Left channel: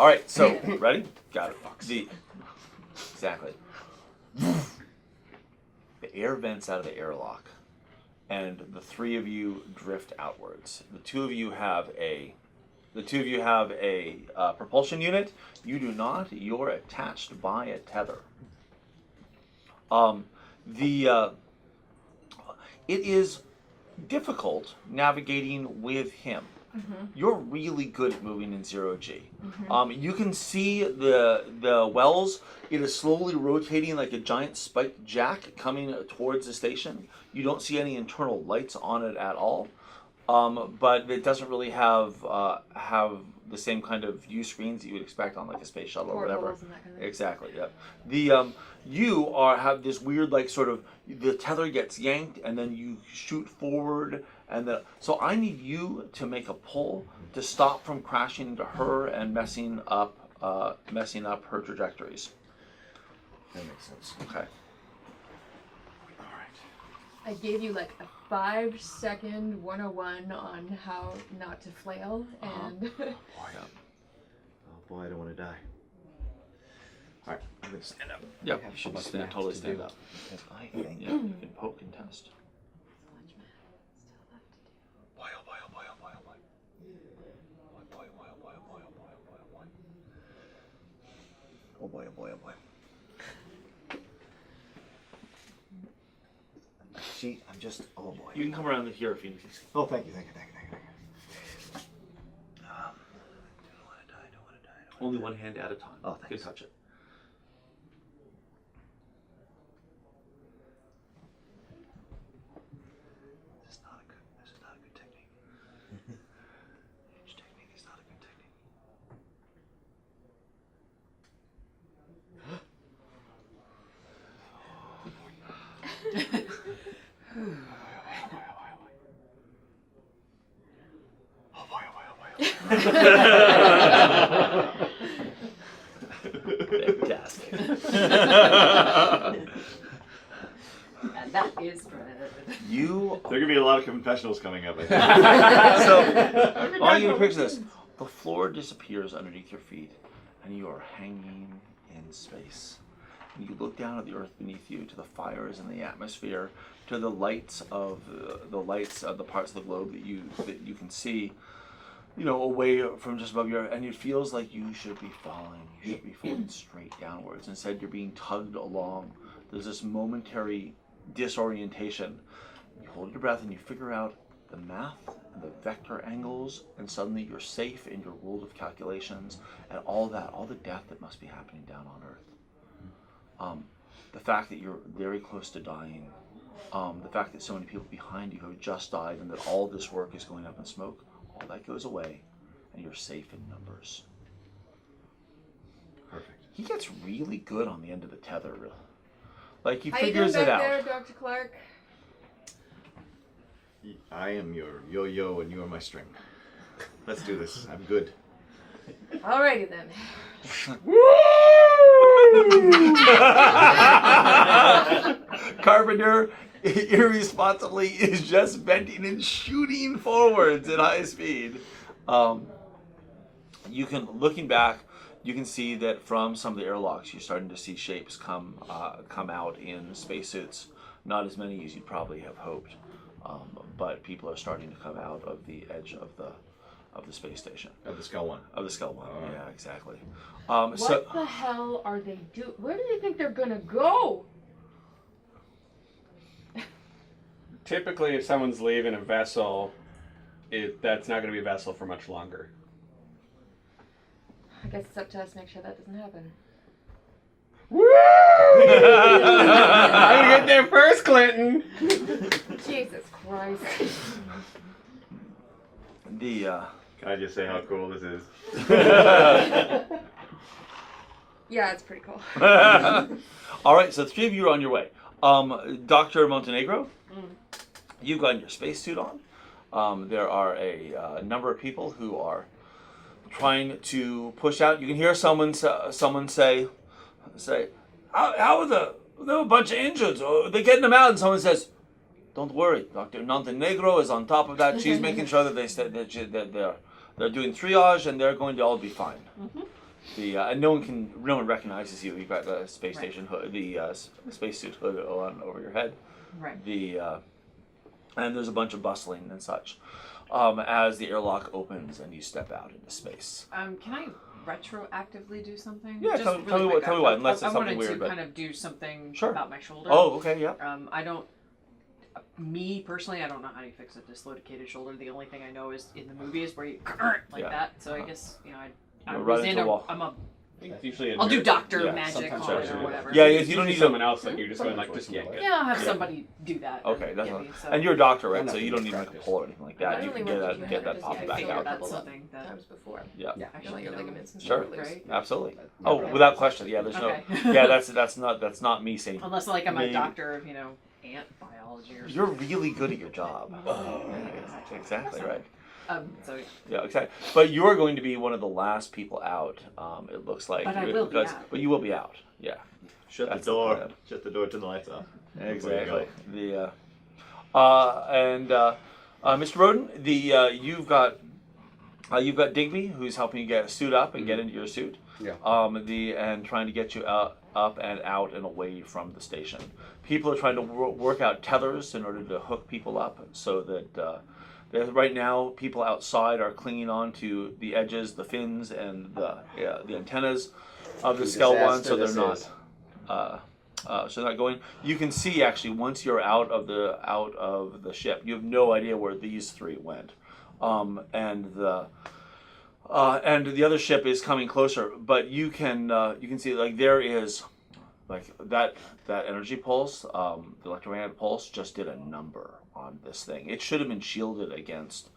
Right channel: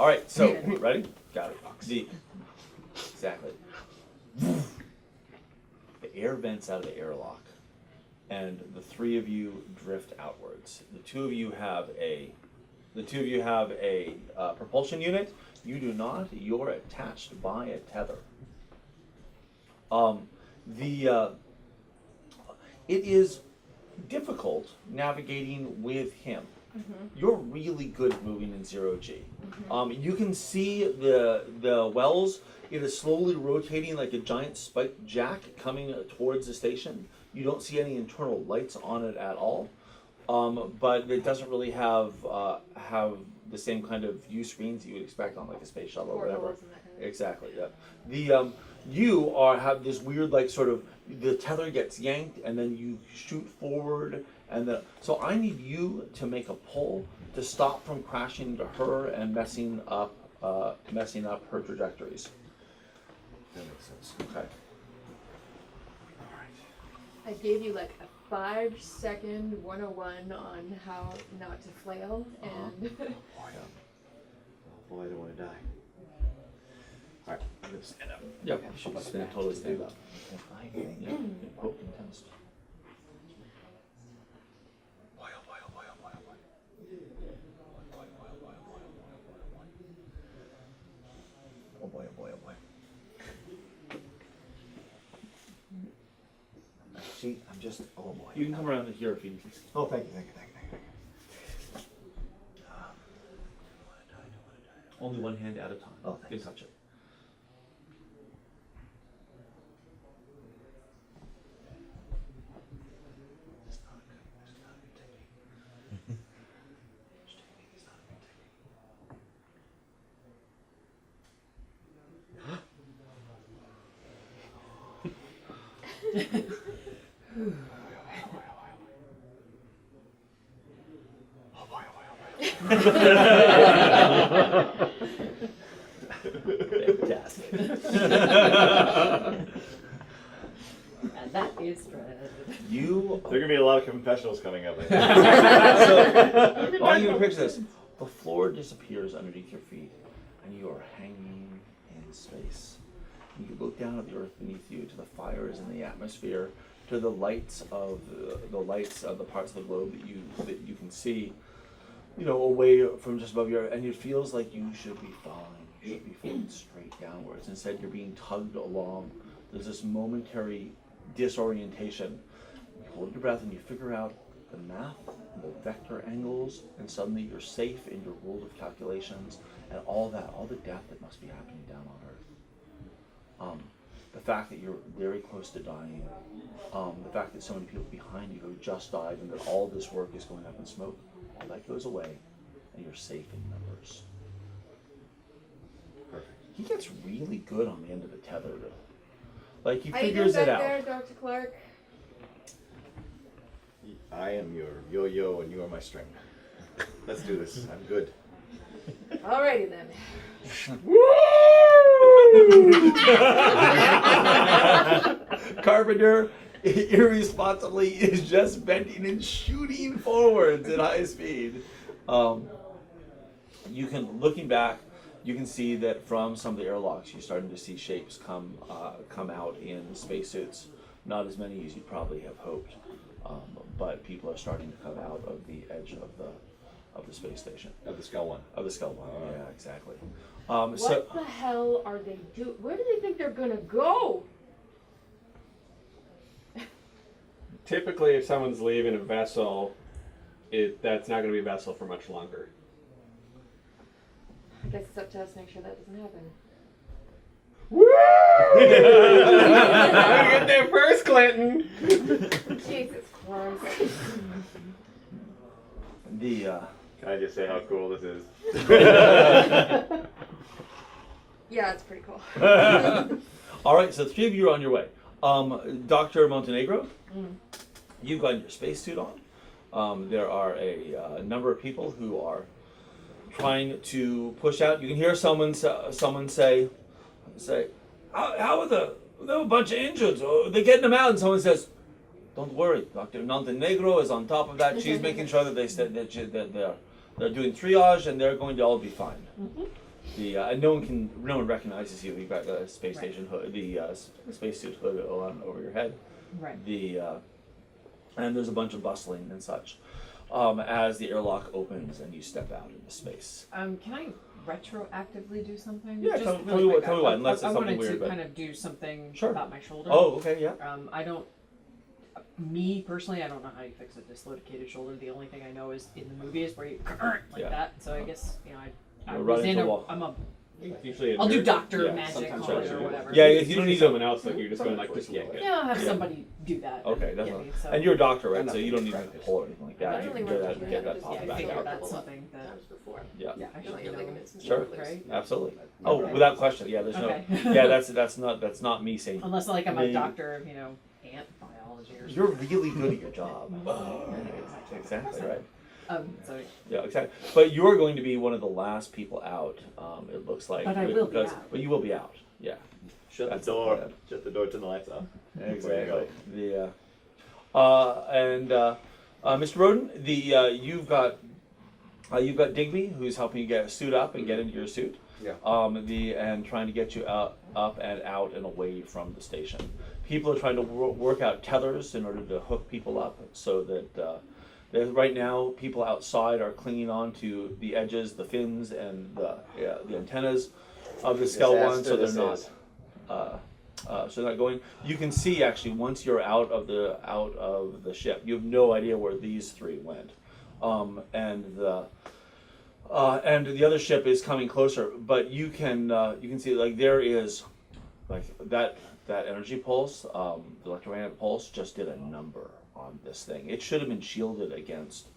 All right, so ready? Got it. Exactly. The air vents out of the airlock, and the three of you drift outwards. The two of you have a propulsion unit. You do not. You're attached by a tether. It is difficult navigating with him. You're really good at moving in 0G. You can see the wells. It is slowly rotating like a giant spiked jack coming towards the station. You don't see any internal lights on it at all, but it doesn't really have the same kind of view screens that you would expect on like a space shuttle or whatever. Exactly. Yeah. You have this weird like sort of the tether gets yanked and then you shoot forward. So I need you to make a pull to stop from crashing into her and messing up her trajectories. That makes sense. Okay. All right. I gave you like a 5-second 101 on how not to flail, and Oh boy, I don't want to die. All right, I'm gonna stand up. Yep. You should totally stand up. Yeah. Yeah. You can poke and test. Oh boy, oh boy, oh boy. See, I'm just, oh boy. You can come around here if you need to. Oh, thank you. Don't want to die. Only one hand at a time. Oh, thanks. You touch it. This is not a good technique. Each technique is not a good technique. Fantastic. that is Fred. You. There are gonna be a lot of confessionals coming up. I think. So, I want you to picture this. The floor disappears underneath your feet, and you are hanging in space. You look down at the earth beneath you, to the fires in the atmosphere, to the lights of the parts of the globe that you can see, away from just above your, and it feels like you should be falling. You should be falling straight downwards. Instead, you're being tugged along. There's this momentary disorientation. You hold your breath and you figure out the math and the vector angles, and suddenly you're safe in your world of calculations and all the death that must be happening down on Earth. The fact that you're very close to dying, the fact that so many people behind you have just died and that all this work is going up in smoke, all that goes away and you're safe in numbers. Perfect. He gets really good on the end of the tether. Like he How you figures doing it back out. there, Dr. Clark? I am your yo-yo and you are my string. Let's do this. I'm good. Alrighty then. Carpenter irresponsibly is just bending and shooting forwards at high speed. You can, looking back, you can see that from some of the airlocks, you're starting to see shapes come out in spacesuits. Not as many as you'd probably have hoped, but people are starting to come out of the edge of the space station. Of the Skull One. Of the Skull One, yeah, exactly. What the hell are they doing? Where do they think they're gonna go? Typically, if someone's leaving a vessel, that's not going to be a vessel for much longer. I guess it's up to us to make sure that doesn't happen. Woo! I'm going to get there first, Clinton! Jesus Christ. Can I just say how cool this is? Yeah, it's pretty cool. All right, so the three of you are on your way. Dr. Montenegro, you've got your spacesuit on. There are a number of people who are trying to push out. You can hear someone say, how are there are a bunch of injured? They're getting them out, and someone says, "Don't worry, Dr. Montenegro is on top of that. She's making sure that they're doing triage, and they're going to all be fine." and no one recognizes you. You've got the space station hood, the spacesuit hood on over your head. Right. And there's a bunch of bustling and such as the airlock opens and you step out into space. Can I retroactively do something? Yeah, Just tell really me quick. what, unless it's I something wanted weird. to But kind of do something Sure. about my shoulder. oh, okay, yeah. I don't. Me personally, I don't know how you fix a dislocated shoulder. The only thing I know is in the movies where you like Yeah. that. So I guess I You'll was run in into a a. wall. I'm a. It's usually a I'll do nurse. doctor Yeah, magic sometimes on it so, or yeah. whatever. Yeah, It's you don't usually need someone else that you're just going like, just yank it. Yeah, I'll have somebody do that. Okay, that's Get me, so. and you're a doctor, right? I'm not So you don't need like a practice. pull or anything like that. That You only can works get if you that have that it, popped because back I figured figure out. that that's a lot something that. times before. Yeah, Yeah, I And should like do your that. ligaments and Sure. shoulders. Right? absolutely. Yeah. Oh, without question. Yeah, there's Okay. no. Yeah, that's not me saying. Unless like I'm a Maybe. doctor of ant biology or something. You're really good at your job. Yeah, exactly right. So yeah. Yeah, exactly. But you're going to be one of the last people out. It looks like. But I will be out. But you will be out. Yeah. Shut That's the door. the- Shut the door. Turn the lights off. Exactly. Mr. Roden, you've got Digby, who's helping you get suit up and get into your suit. Yeah. And trying to get you up and out and away from the station. People are trying to work out tethers in order to hook people up, so that right now people outside are clinging on to the edges, the fins, and the antennas of the Skell one, so they're not. So not going. You can see actually once you're out of the ship, you have no idea where these three went, and the other ship is coming closer. But you can see like there is like that energy pulse, the electromagnetic pulse just did a number on this thing. It should have been shielded against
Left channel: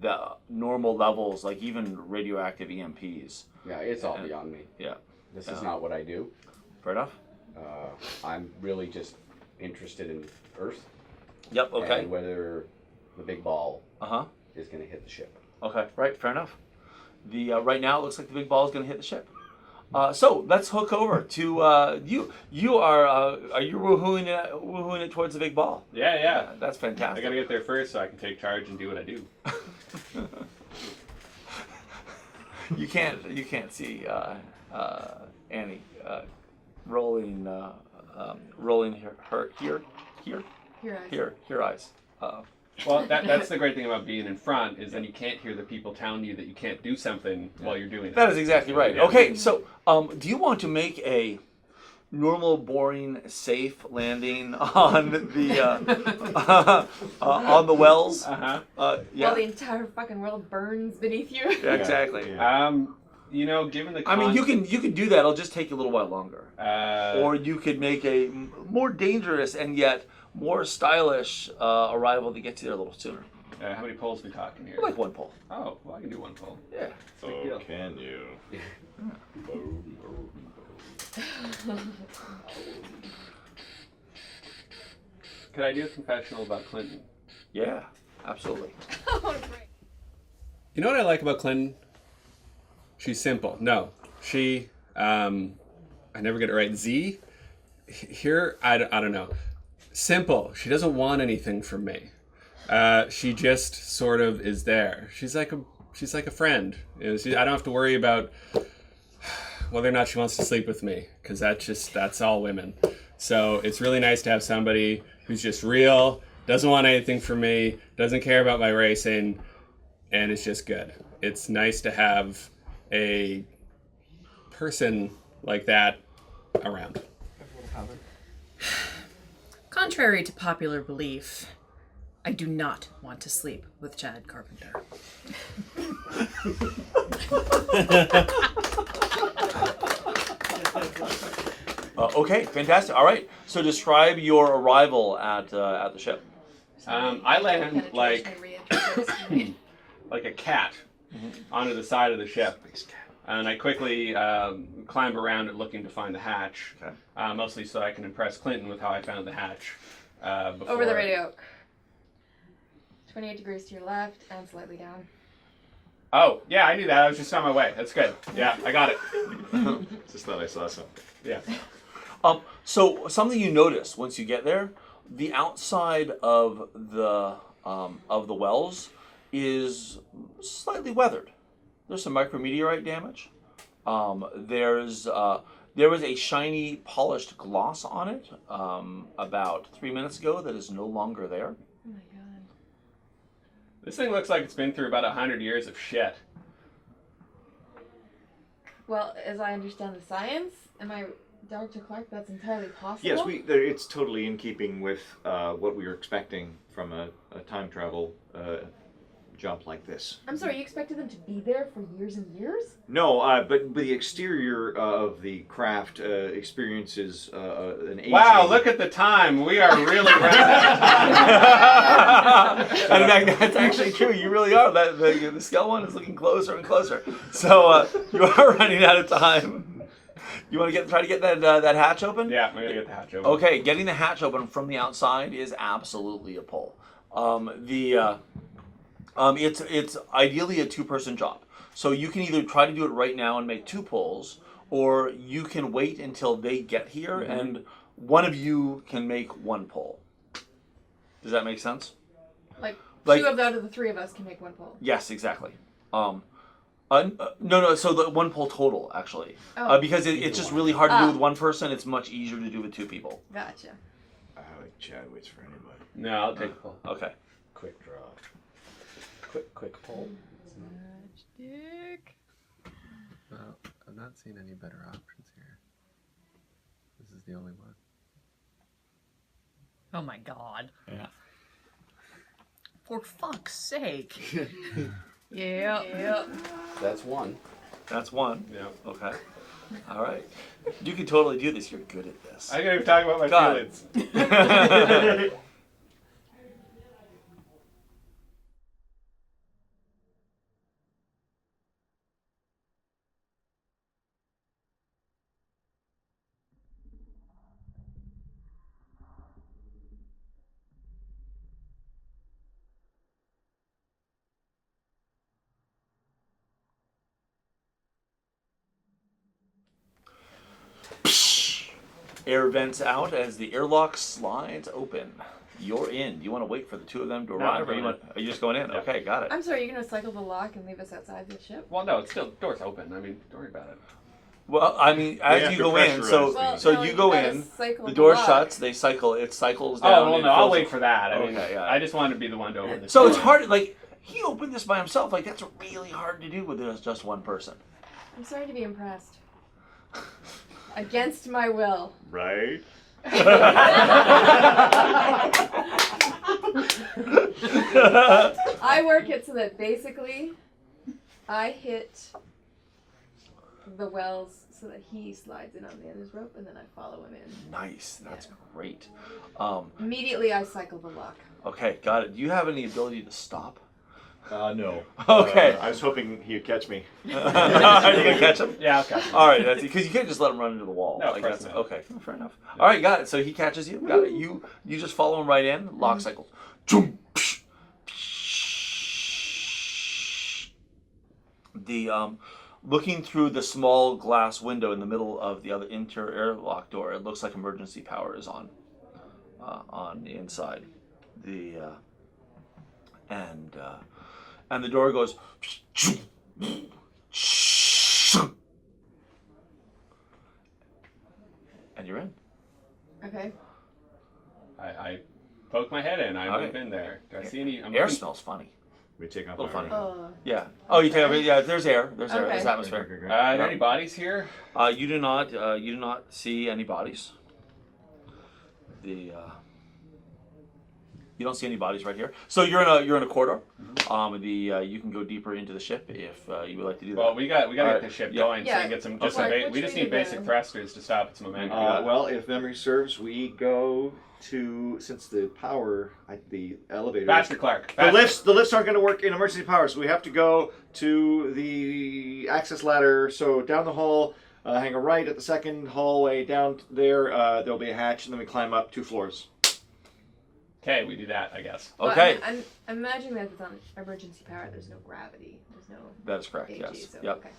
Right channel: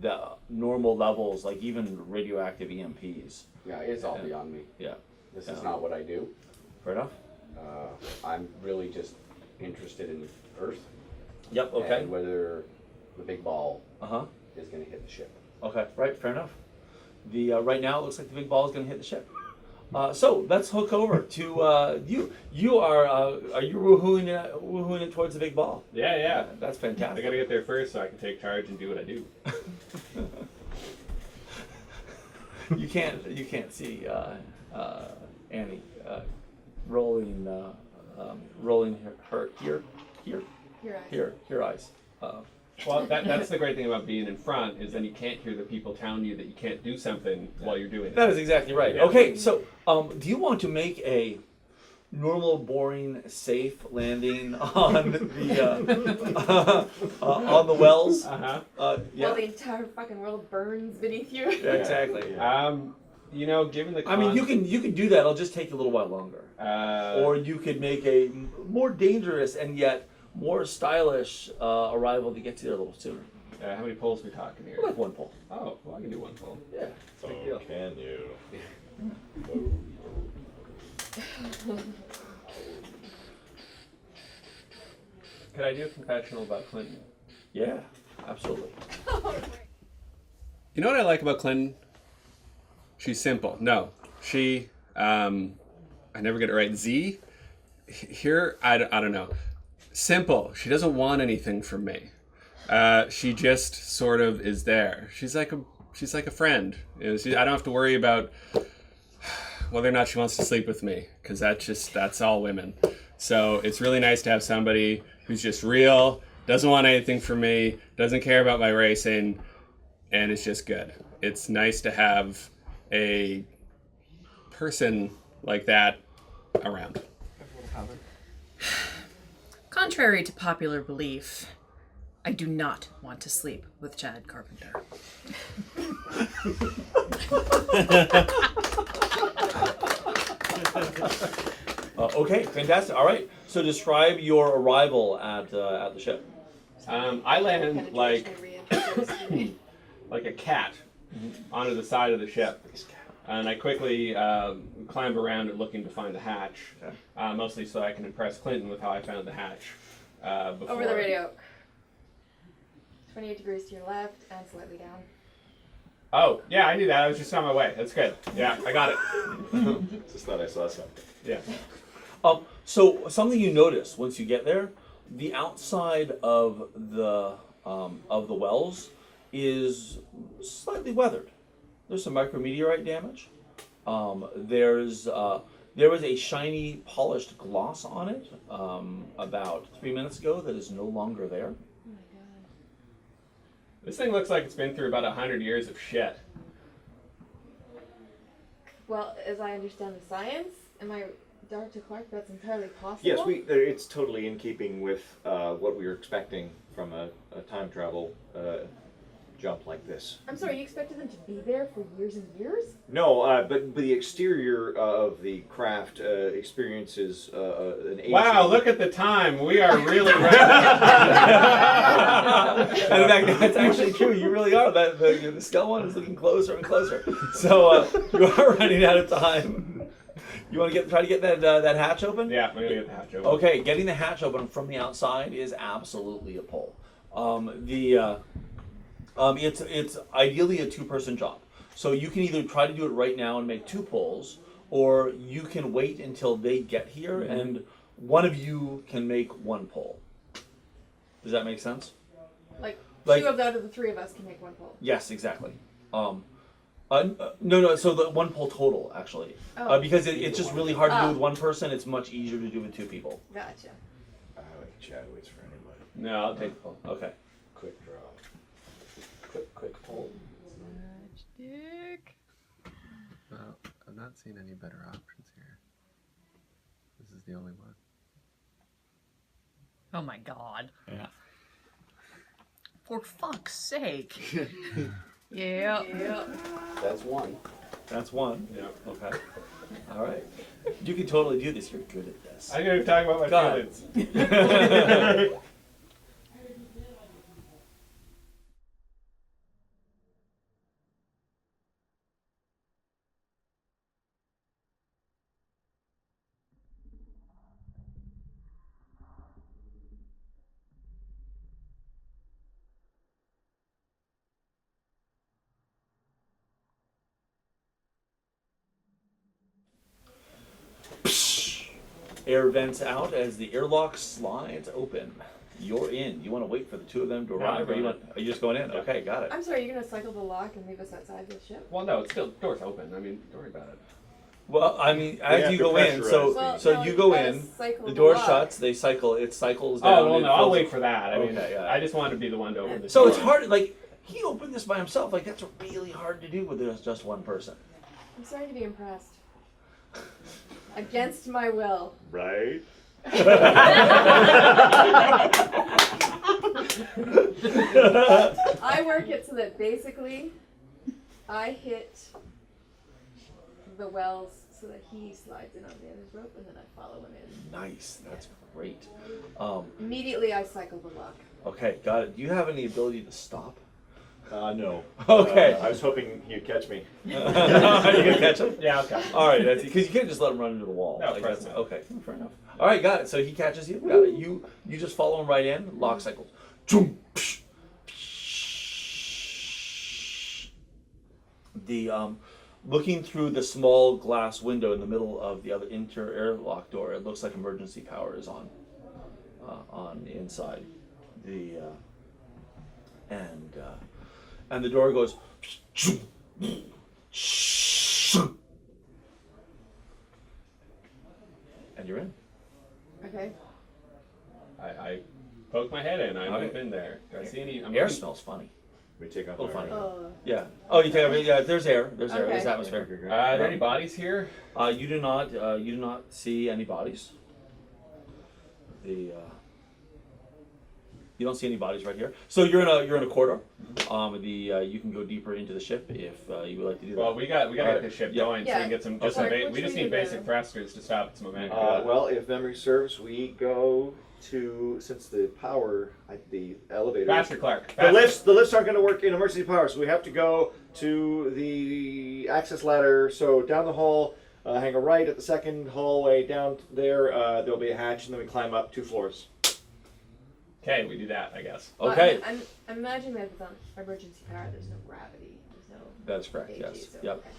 the normal levels, like even radioactive EMPs. Yeah, it's all beyond me. Yeah. This is not what I do. Fair enough. I'm really just interested in Earth Yep. Okay. and whether the big ball Uh-huh. is going to hit the ship. Okay, right, fair enough. The right now it looks like the big ball is going to hit the ship. So let's hook over to you. You are you woohooing it towards the big ball? Yeah. That's I fantastic. gotta get there first so I can take charge and do what I do. You can't see Annie rolling her eyes. Well, that's the great thing about being in front is then you can't hear the people telling you that you can't do something while you're doing it. That is exactly right. Yeah. Okay, so do you want to make a normal, boring, safe landing on the on the wells? Uh-huh. Yeah. While the entire fucking world burns beneath you. Yeah, exactly. Given the I mean, you can do that. It'll just take a little while longer. Or you could make a more dangerous and yet more stylish arrival to get you there a little sooner. how many poles we talking here? Like one pull. Oh, well, I can do one pole. Yeah. Oh, can you? Could I do a confessional about Clinton? Yeah. Absolutely. You know what I like about Clinton? She's simple. No, she. I never get it right. Z. Here, I don't know. Simple. She doesn't want anything from me. She just sort of is there. She's like a friend. I don't have to worry about whether or not she wants to sleep with me, because that's all women. So it's really nice to have somebody who's just real, doesn't want anything from me, doesn't care about my racing, and it's just good. It's nice to have a person like that around. Contrary to popular belief, I do not want to sleep with Chad Carpenter. Okay, fantastic. All right. So describe your arrival at the ship. I land like Penetration like a cat onto the side of the ship. And I quickly climb around it looking to find the hatch, Okay. mostly so I can impress Clinton with how I found the hatch. Before. Over the radio. 28 degrees to your left and slightly down. Oh, yeah, I knew that. I was just on my way. That's good. Yeah, I got it. Just thought I saw something. Yeah. So something you notice once you get there, the outside of the wells is slightly weathered. There's some micrometeorite damage, There was a shiny polished gloss on it about 3 minutes ago that is no longer there. Oh my god. This thing looks like it's been through about 100 years of shit. Well, as I understand the science, am I, Dr. Clark, that's entirely possible? Yes, it's totally in keeping with what we were expecting from a time travel jump like this. I'm sorry, you expected them to be there for years and years? No, but the exterior of the craft experiences an aging. Wow, look at the time. We are really running And that's actually true. You really are. The skull one is looking closer and closer. So you are running out of time. You want to try to get that hatch open? Yeah, we're gonna get the hatch open. Okay, getting the hatch open from the outside is absolutely a pull. It's ideally a two-person job. So you can either try to do it right now and make 2 pulls, or you can wait until they get here and one of you can make 1 pull. Does that make sense? Like 2 Like- out of the 3 of us can make 1 pull. Yes, exactly. No. So the 1 pull total actually, Oh. because it's just really hard to do Ah. with 1 person. It's much easier to do with 2 people. Gotcha. I like Chad waits for anybody. No, I'll take the pull. Okay. Quick draw. Quick pull. Dick. Well, I'm not seeing any better options here. This is the only one. Oh my god. Yeah. For fuck's sake. Yeah. Yep. That's 1. That's 1. Yeah. Okay. All right. You can totally do this. You're good at this. I'm gonna talk about my God. feelings. Air vents out as the airlock slides open. You're in. You want to wait for the 2 of them to No, arrive, I'm or going are you just going in? Yeah. Okay, got it. I'm sorry, you're gonna cycle the lock and leave us outside the ship? Well, no, it's still door's open. I mean, don't worry about it. Well, I mean, have as you to go in, pressurize so these. so no, you go gotta in. cycle The door lock. shuts. It cycles down. Oh, well, it no, I'll fills- wait for that. I mean, Okay, yeah. I just wanted to be the one to open this So door. it's hard. Like he opened this by himself. Like that's really hard to do with just 1 person. I'm sorry to be impressed. Against my will. Right? I work it so that basically I hit the wells so that he slides in on the end of his rope and then I follow him in. Nice. That's great. Immediately I cycle the lock. Okay, got it. Do you have any ability to stop? No. Okay. I was hoping he'd catch me. Are you gonna catch him? Yeah, I'll catch him. All right, because you can't just let him run into the wall. No, like of course that's not. okay. Fair enough. All right, got it. So he catches you. Got it. You just follow him right in. Lock cycle. Zoom, psh, psh. The looking through the small glass window in the middle of the other interior airlock door, it looks like emergency power is on the inside. And the door goes. And you're in. Okay. I poke my head in. I Okay. move in there. Do I see any? I'm Air looking- smells funny. We take off A little our- funny. Oh. Yeah. Oh, you take off. Yeah. There's air. There's air. Okay. There's atmosphere. Are there any bodies here? You do not. You do not see any bodies. You don't see any bodies right here. So you're in a corridor. You can go deeper into the ship if you would like to do that. Well, we got to Alright. get the ship Yeah. going so Yeah. we can get some. Okay. Just some Clark, we which just way need to basic go? thrusters to stop its momentum. Well, if memory serves, we go to, since the power, the elevator. Faster, Clark. The Faster. lifts aren't going to work in emergency power, so we have to go to the access ladder. So down the hall, hang a right at the second hallway. Down there, there'll be a hatch, and then we climb up 2 floors. Okay, we do that, I guess. Well, Okay. I'm imagining that if it's on emergency power, there's no gravity. There's no That is correct. AG, Yes. so Yep. okay.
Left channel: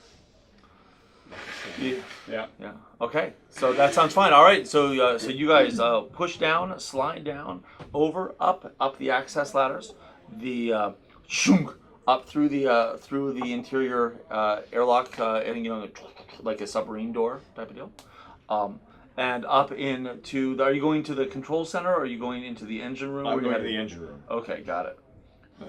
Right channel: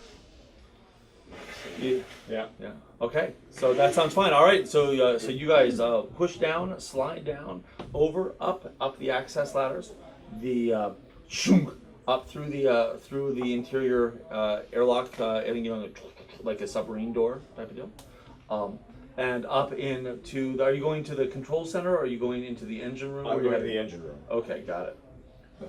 Yeah. Yeah. Okay. So that sounds fine. All right. So you guys push down, slide down, over, up the access ladders. The shunk, up through the interior airlock, and like a submarine door type of deal. And up into. Are you going to the control center, or are you going into the engine room? I'm going to the engine room. Okay, got it.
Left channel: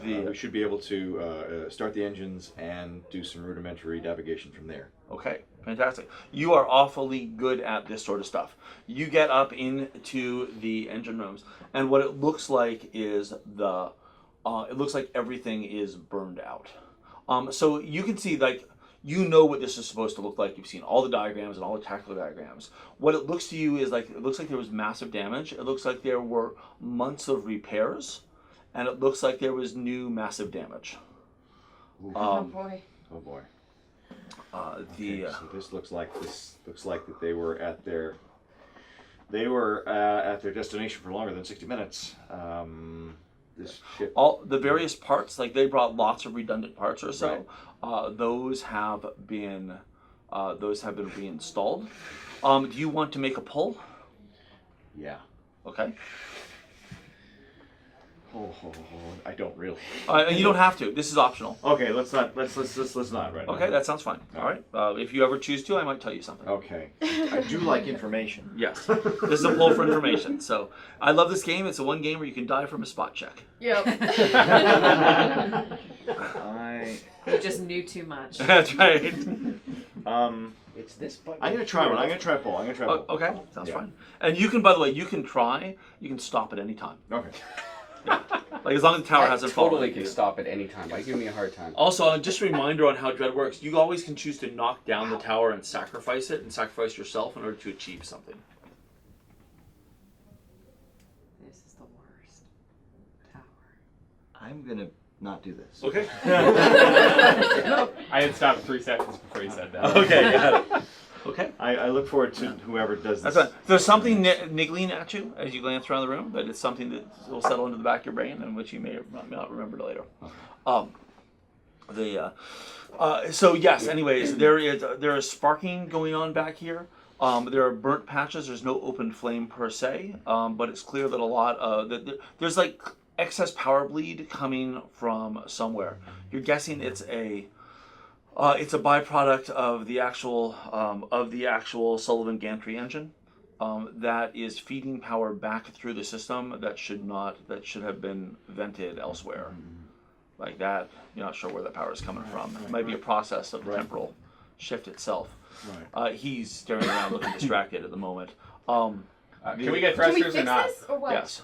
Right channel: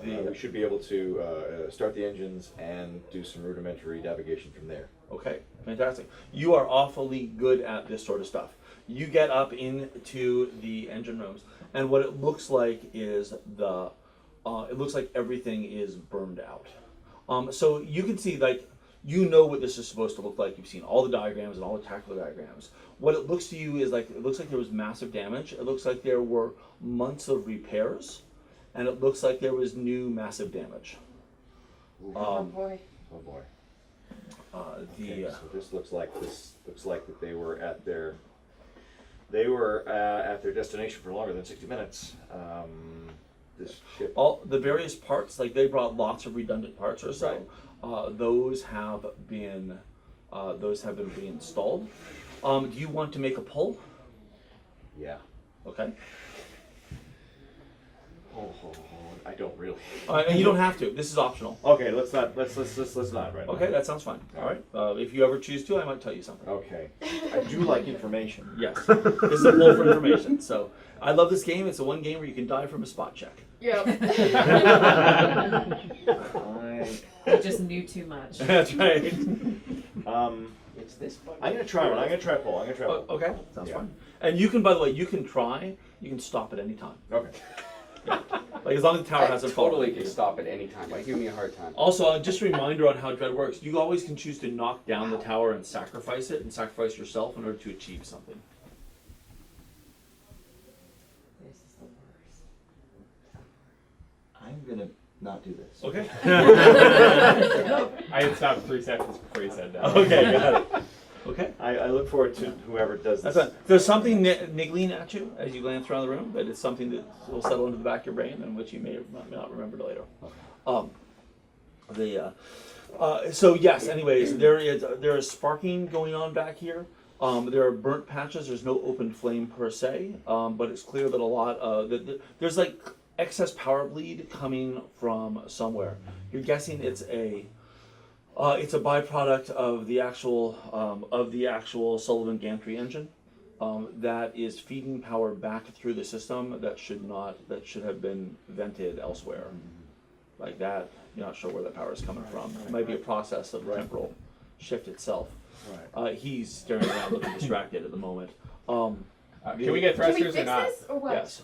We should be able to start the engines and do some rudimentary navigation from there. Okay, fantastic. You are awfully good at this sort of stuff. You get up into the engine rooms, and what it looks like is it looks like everything is burned out. So you can see, like, you know what this is supposed to look like. You've seen all the diagrams and all the tactical diagrams. What it looks to you is like, it looks like there was massive damage. It looks like there were months of repairs, and it looks like there was new massive damage. Oh boy. Oh boy. Okay, So this looks like that they were at their destination for longer than 60 minutes. This ship. All the various parts, like they brought lots of redundant parts or so. Those have been reinstalled. Do you want to make a pull? Yeah. Okay. Oh, I don't really. And you don't have to. This is optional. Okay, let's not right now. Okay, that sounds fine. All right. If you ever choose to, I might tell you something. Okay. I do like information. Yes. This is a pull for information. So I love this game. It's the one game where you can die from a spot check. Yep. You just knew too much. That's right. It's this button. I'm gonna try one. I'm gonna try pull. Okay, sounds Yeah. fine. And you can, by the way, you can stop at any time. Okay. Like as long as the tower hasn't fallen. totally can stop at any time. Why give me a hard time? Also, just a reminder on how Dread works. You always can choose to knock down the tower and sacrifice yourself in order to achieve something. This is the worst tower. I'm gonna not do this. Okay. I had stopped 3 seconds before you said that. Okay, got it. Okay. I look forward to whoever does this. That's fine. There's something niggling at you as you glance around the room, but it's something that will settle into the back of your brain and which you may or may not remember later. So yes, anyways, there is sparking going on back here. There are burnt patches. There's no open flame per se, but it's clear that a lot of there's like excess power bleed coming from somewhere. You're guessing it's a byproduct of the actual Sullivan gantry engine that is feeding power back through the system that should have been vented elsewhere. Like that, you're not sure where the power is coming from. It might be a process of the temporal shift itself. Right. He's staring around looking distracted at the moment. Can we get Can we thrusters fix or not? this or what? Yes.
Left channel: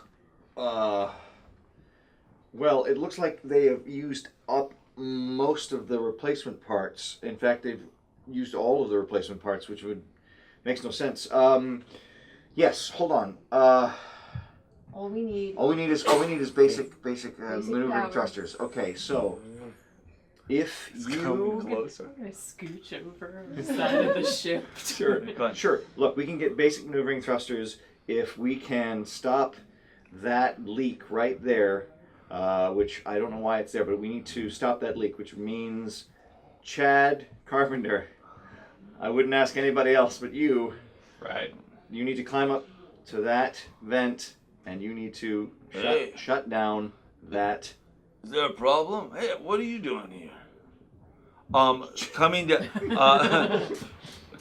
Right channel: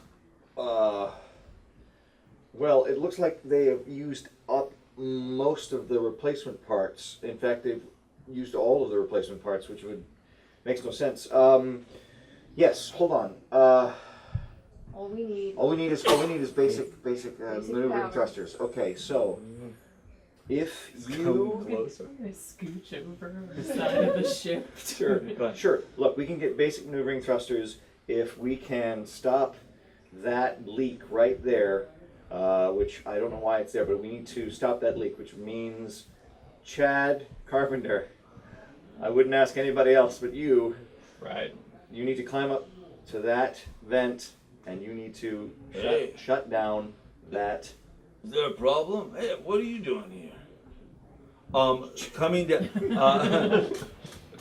Well, it looks like they have used up most of the replacement parts. In fact, they've used all of the replacement parts, which makes no sense. Yes, hold on. All we need. All we need is basic maneuvering power. thrusters. Okay, so if you Closer. I'm gonna scooch over the side of the ship. Sure. Go ahead. Sure. Look, we can get basic maneuvering thrusters if we can stop that leak right there, which I don't know why it's there, but we need to stop that leak, which means Chad Carpenter. I wouldn't ask anybody else but you. Right. You need to climb up to that vent, and you need to Hey. shut down that. Is there a problem? Hey, what are you doing here? Coming to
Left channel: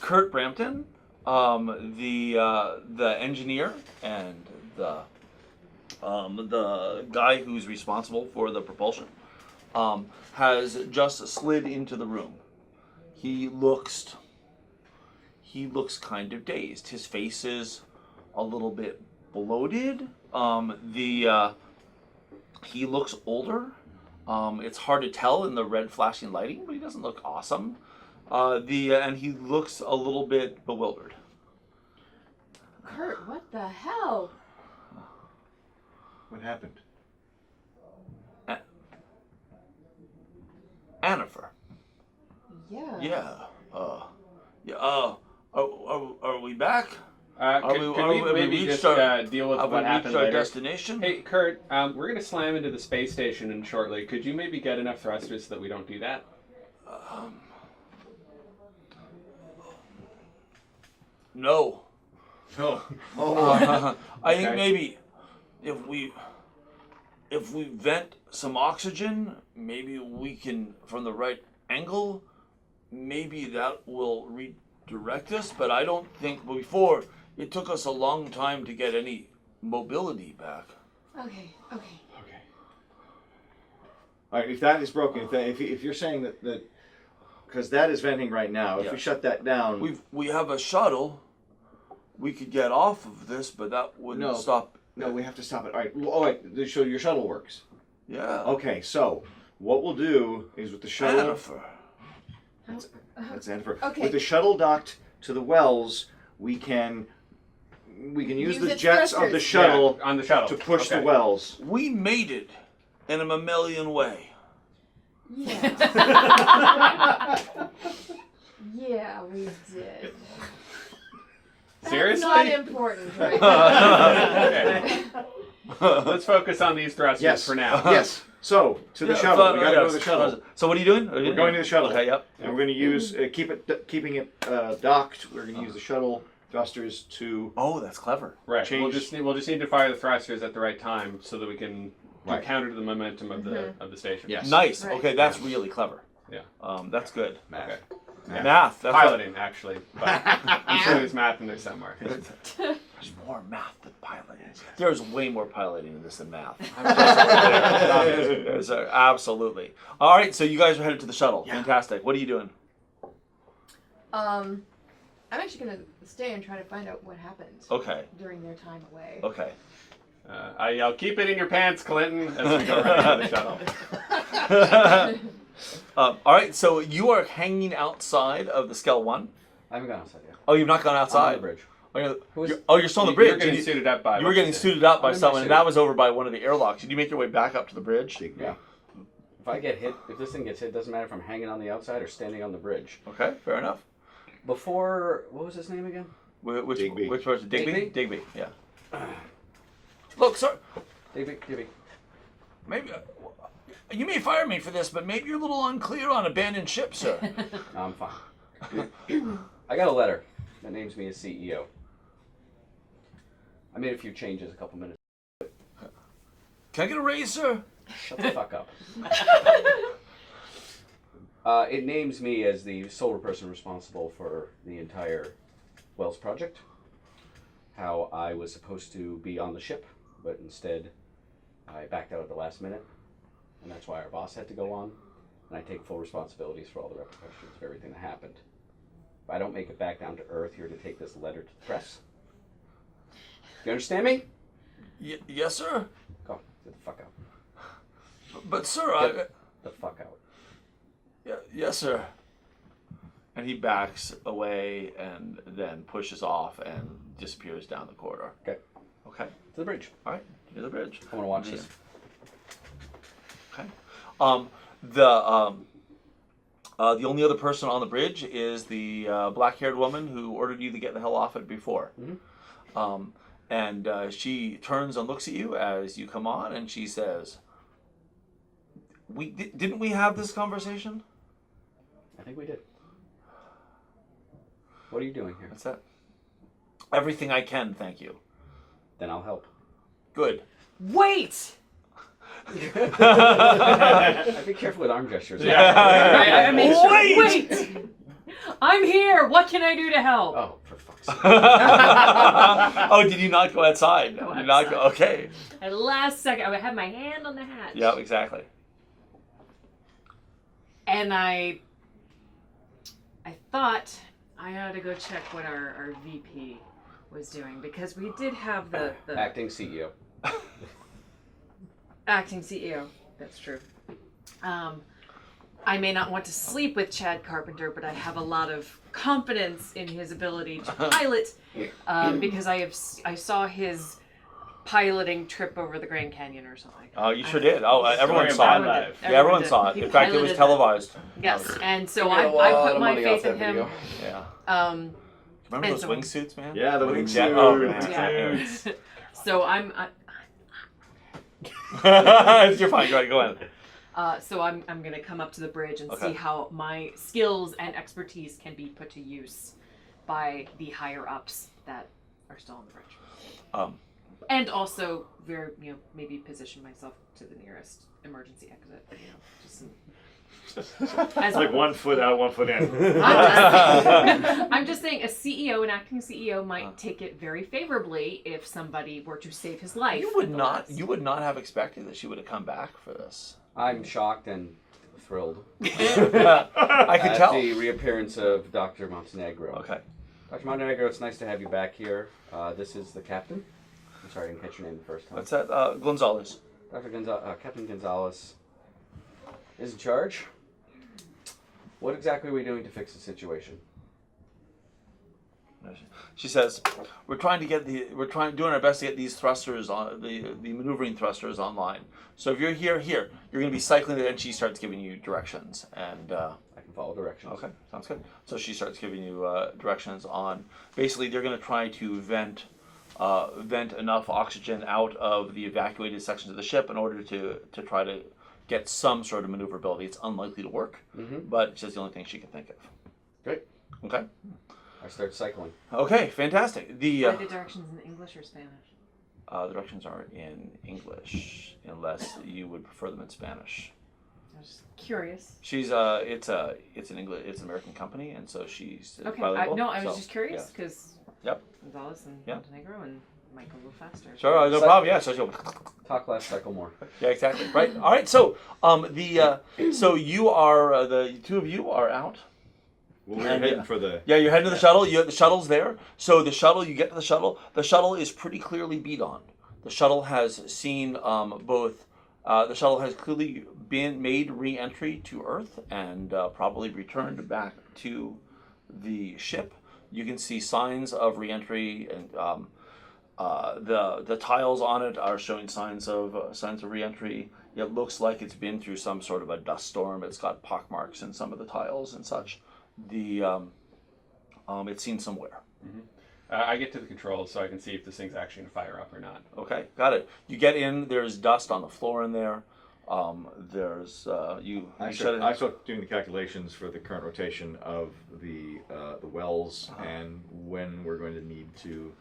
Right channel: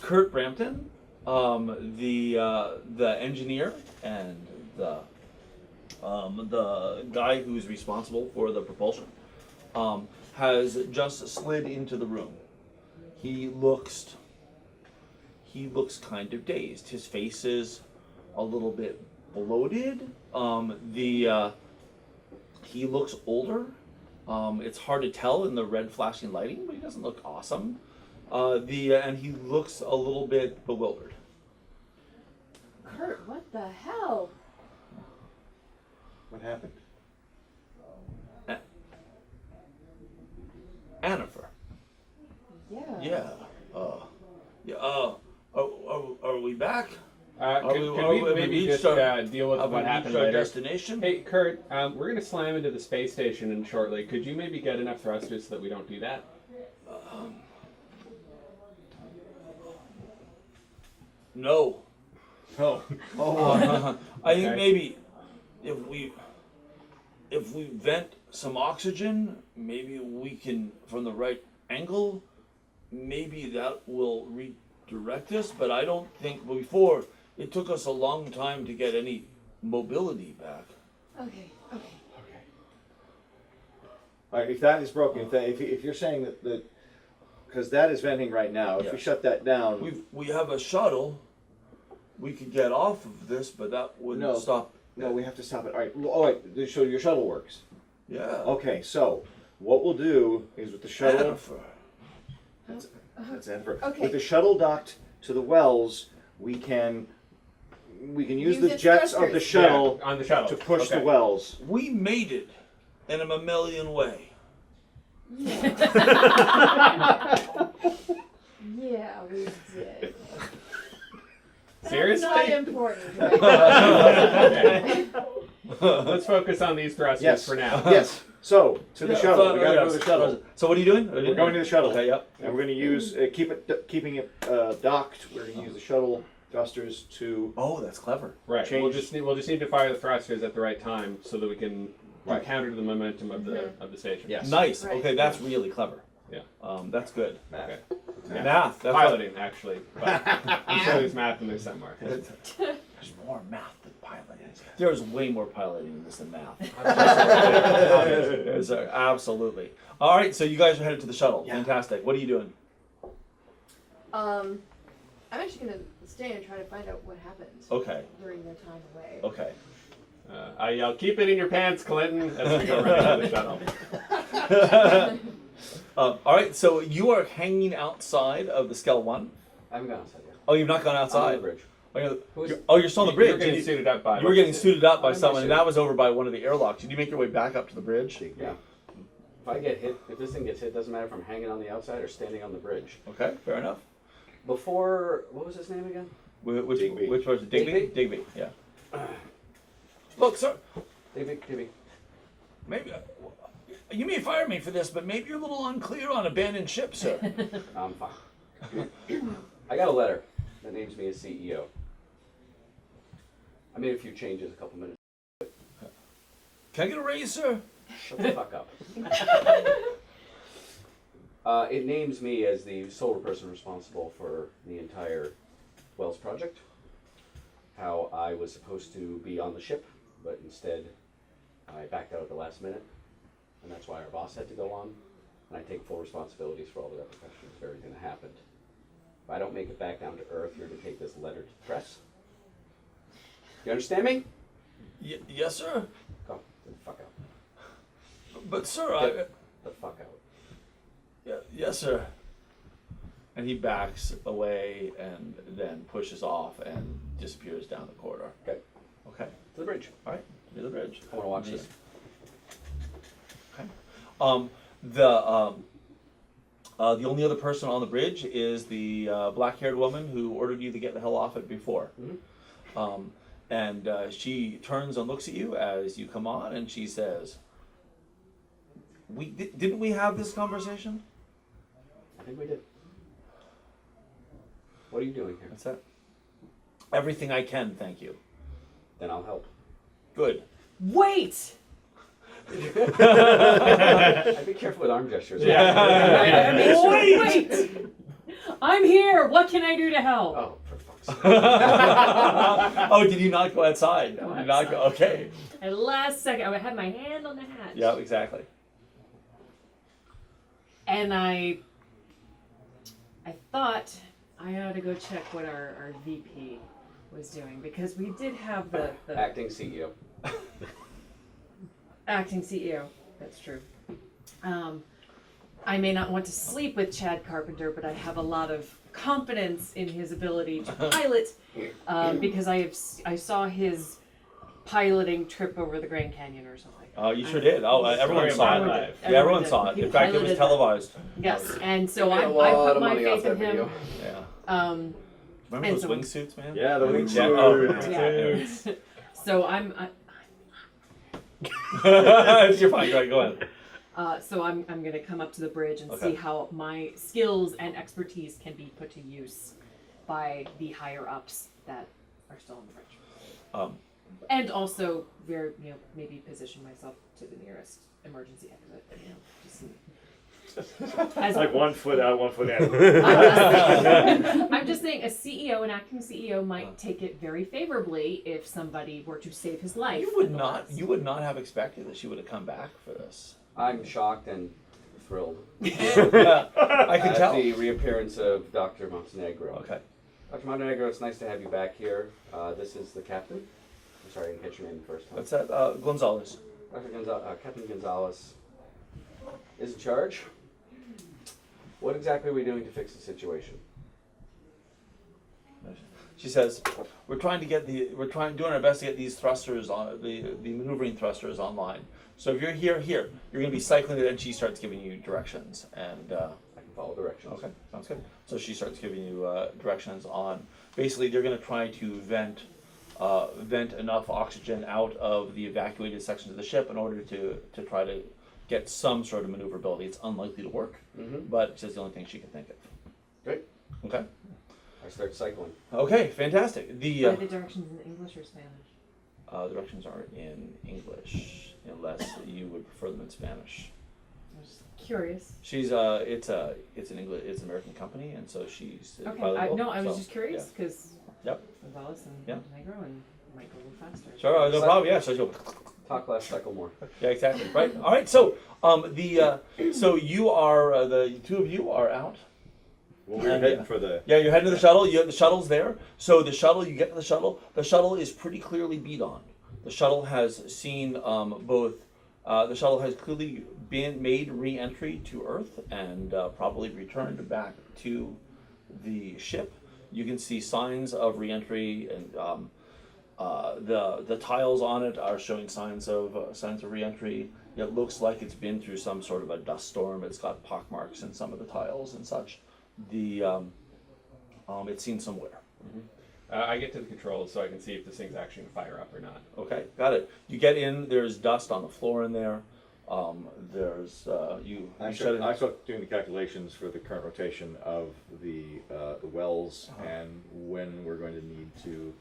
Kurt Brampton, the engineer and the guy who's responsible for the propulsion, has just slid into the room. He looks kind of dazed. His face is a little bit bloated. He looks older. It's hard to tell in the red flashing lighting, but he doesn't look awesome. And he looks a little bit bewildered. Kurt, what the hell? What happened? Annifer. Yeah. Are we back? Could we maybe just deal with Have what we happened reached our later? destination? Hey, Kurt, we're going to slam into the space station in shortly. Could you maybe get enough thrusters so that we don't do that? No. Oh. I think Okay. maybe if we vent some oxygen. Maybe we can, from the right angle, maybe that will redirect us. But I don't think, before, it took us a long time to get any mobility back. Okay. All right, if that is broken, if you're saying that because that is venting right now, if Yeah. we shut that down, We have a shuttle. We could get off of this, but that wouldn't stop. No, we have to stop it. All right. Oh, wait. So your shuttle works. Yeah. Okay. So what we'll do is with the shuttle. Jennifer. That's Jennifer. Okay. With the shuttle docked to the wells, we can use Use the its jets of the thrusters. shuttle on the shuttle to push Okay. the wells. We made it in a mammalian way. Yeah, we did. Seriously? That's not important right now. Okay. Let's focus on these thrusters Yes. for now. Yes. So to the shuttle. We got to go to the shuttle. So what are you doing? We're going to the shuttle. Okay. Yep. And we're going to use keeping it docked. We're going to use the shuttle thrusters to. Oh, that's clever. Right. We'll Change- just need to fire the thrusters at the right time so that we can do Right. counter to the momentum of the station. Yes. Nice. Right. Okay, that's really clever. Yeah. That's good. Okay. Math. That's Piloting, actually. But I'm sure there's math in there somewhere. There's more math than piloting. There's way more piloting in this than math. There's absolutely. All right, so you guys are headed to the shuttle. Yeah. Fantastic. What are you doing? I'm actually gonna stay and try to find out what happened Okay. during their time away. Okay. I'll keep it in your pants, Clinton, as we go around the shuttle. All right, so you are hanging outside of the Skell 1. I haven't gone outside yet. Oh, you've not gone I'm on outside? the bridge. You're still on the bridge. You're getting You- suited up by. You were getting suited up by I'm in my someone, and suit. that was over by one of the airlocks. Did you make your way back up to the bridge? Yeah. If I get hit, if this thing gets hit, doesn't matter if I'm hanging on the outside or standing on the bridge. Okay, fair enough. Before, what was his name again? Digby. Which person? Digby? Digby? Digby, yeah. Look, sir, Digby. maybe you may fire me for this, but maybe you're a little unclear on abandoned ship, sir. No, I'm fine. I got a letter that names me as CEO. I made a few changes a couple minutes. Can I get a raise, sir? Shut the fuck up. It names me as the sole person responsible for the entire Wells project. How I was supposed to be on the ship, but instead I backed out at the last minute. And that's why our boss had to go on. And I take full responsibilities for all the repercussions of everything that happened. If I don't make it back down to Earth, you're to take this letter to the press. You understand me? Yes, sir. Go, get the fuck out. But, sir, Get the fuck out. yes, sir. And he backs away and then pushes off and disappears down the corridor. Okay, Okay. to the bridge. All right. Near the bridge. I want to watch this. Okay. The only other person on the bridge is the black-haired woman who ordered you to get the hell off it before. Mhm. And she turns and looks at you as you come on, and she says, "Didn't we have this conversation?" I think we did. What are you doing here? That's it. Everything I can, thank you. Then I'll help. Good. Wait! I'd be careful with arm gestures. Wait! I'm here! What can I do to help? Oh, for fuck's sake. Oh, did you not go outside? No, did not go. Okay. At last second, I had my hand on the hatch. Yeah, exactly. And I thought I ought to go check what our VP was doing, because we did have the Acting CEO. acting CEO. That's true. I may not want to sleep with Chad Carpenter, but I have a lot of confidence in his ability to pilot, because I saw his piloting trip over the Grand Canyon or something. Oh, you sure did. Oh, everyone saw it. Live. Yeah, everyone saw it. In fact, it was televised. Yes, and so Made a I lot put of my money off faith in that him. video. Yeah. Remember And those so- wingsuits, man? Yeah, the Yeah. wingsuits. Oh, man. Yeah. So You're fine. Go ahead. Go ahead. so I'm gonna come up to the bridge and Okay. see how my skills and expertise can be put to use by the higher ups that are still on the bridge. And also, maybe position myself to the nearest emergency exit. Just as Like 1 foot out, 1 foot in. I'm just saying, a CEO, an acting CEO, might take it very favorably if somebody were to save his life. You would not have expected that she would have come back for this. I'm shocked and thrilled I can at tell. the reappearance of Dr. Montenegro. Okay. Dr. Montenegro, it's nice to have you back here. This is the captain. I'm sorry, I didn't catch your name the first time. What's that? Gonzalez. Captain Gonzalez is in charge. What exactly are we doing to fix the situation? She says, "We're doing our best to get these thrusters on the maneuvering thrusters online. So if you're here, you're going to be cycling it." And she starts giving you directions, and I can follow directions. okay, sounds good. So she starts giving you directions on. Basically, they're going to try to vent enough oxygen out of the evacuated sections of the ship in order to try to get some sort of maneuverability. It's unlikely to work, but it's the only thing she can think of. Great. Okay. I start cycling. Okay, fantastic. Are the directions in English or Spanish? The directions are in English, unless you would prefer them in Spanish. I'm just curious. She's it's an English, American company, and so she's Okay, bilingual. I was so, just curious because Yep. Gonzalez and Yeah. Montenegro and might go a little faster. Sure, no problem. Yeah, so she'll. Talk less, cycle more. Yeah, exactly. Right. All right. So, so you are the two of you are out. Well, we're heading for the. Yeah, you're heading to the shuttle. The shuttle's there. So the shuttle, you get to the shuttle. The shuttle is pretty clearly beat on. The shuttle has seen both. The shuttle has clearly been made re-entry to Earth and probably returned back to the ship. You can see signs of re-entry, and the tiles on it are showing signs of re-entry. It looks like it's been through some sort of a dust storm. It's got pockmarks in some of the tiles and such. It's seen some wear. I get to the controls so I can see if this thing's actually going to fire up or not. Okay, got it. You get in. There's dust on the floor in there. There's you shut it. I started doing the calculations for the current rotation of the wells and when we're going to need to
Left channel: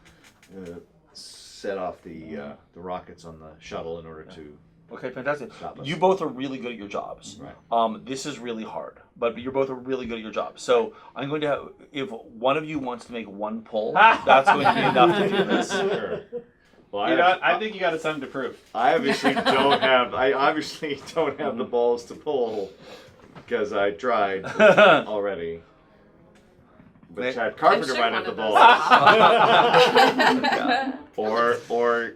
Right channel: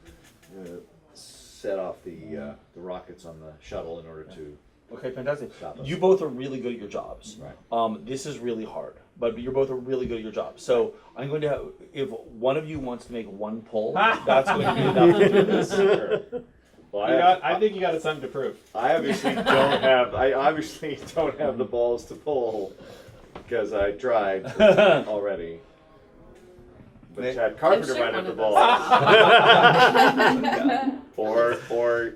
set off the rockets on the shuttle in order to. Okay, fantastic. Stop us. You both are really good at your jobs. Right. This is really hard, but you're both really good at your job. So I'm going to have, if one of you wants to make one pull, that's going to be enough to do this. Sure. Well, I think you got something to prove. I obviously don't have. I obviously don't have the balls to pull because I tried already. But Chad Carpenter shoot might one have the of those. balls. Or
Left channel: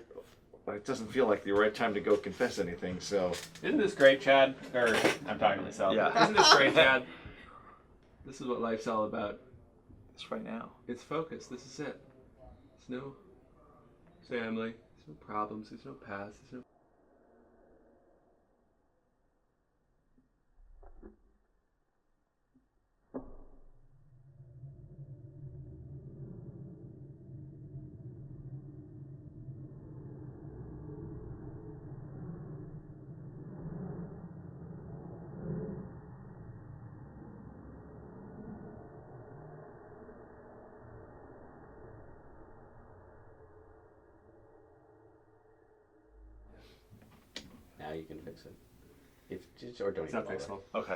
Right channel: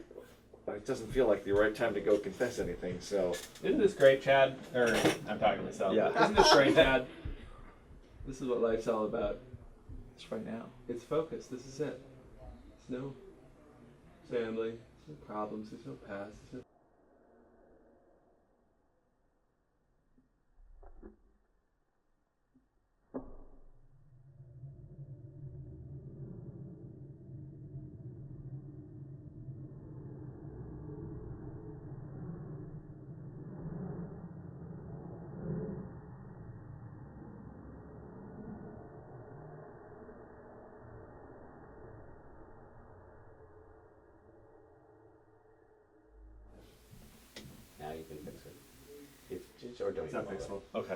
it doesn't feel like the right time to go confess anything. So Isn't this great, Chad? Or I'm talking to myself. Yeah. Isn't this great, Chad? This is what life's all about. It's right now. It's focus. This is it. There's no family. There's no problems. There's no past. There's no. Now you can fix it. Or don't It's even not bother. fixable. Okay.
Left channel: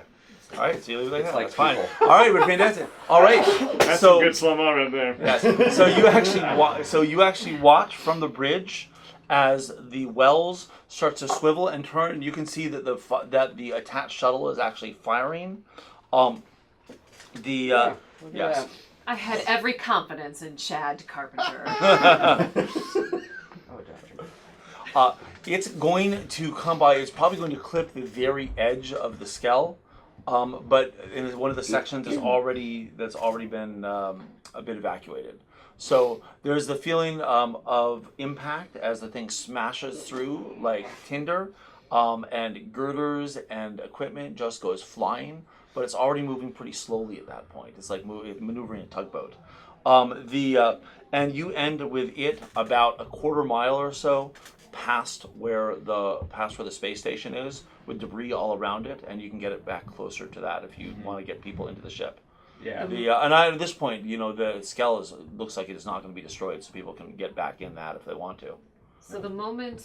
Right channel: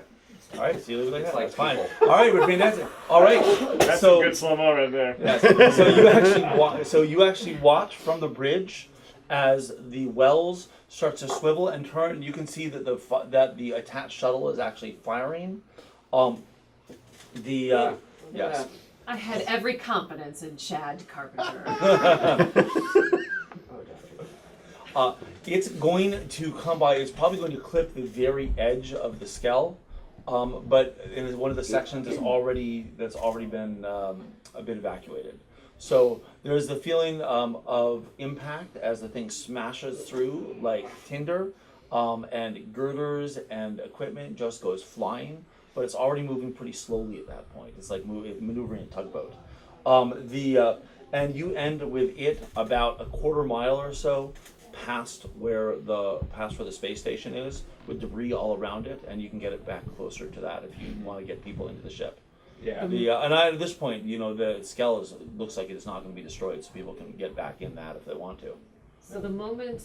All right. See you later. It's like That's fine. people. All right, we're fantastic. All right. that's so a good slow-mo right there. yes. So you actually watch from the bridge as the wells start to swivel and turn. You can see that the attached shuttle is actually firing. Look at Yes. that. I had every confidence in Chad Carpenter. Oh, Dr. It's going to come by. It's probably going to clip the very edge of the skell, but in one of the sections that's already been a bit evacuated. So there's the feeling of impact as the thing smashes through like tinder, and girders and equipment just goes flying. But it's already moving pretty slowly at that point. It's like maneuvering a tugboat. And you end with it about a quarter mile or so past where the space station is, with debris all around it, and you can get it back closer to that if you want to get people into the ship. Yeah. At this point, the skell looks like it is not going to be destroyed, so people can get back in that if they want to. So the moment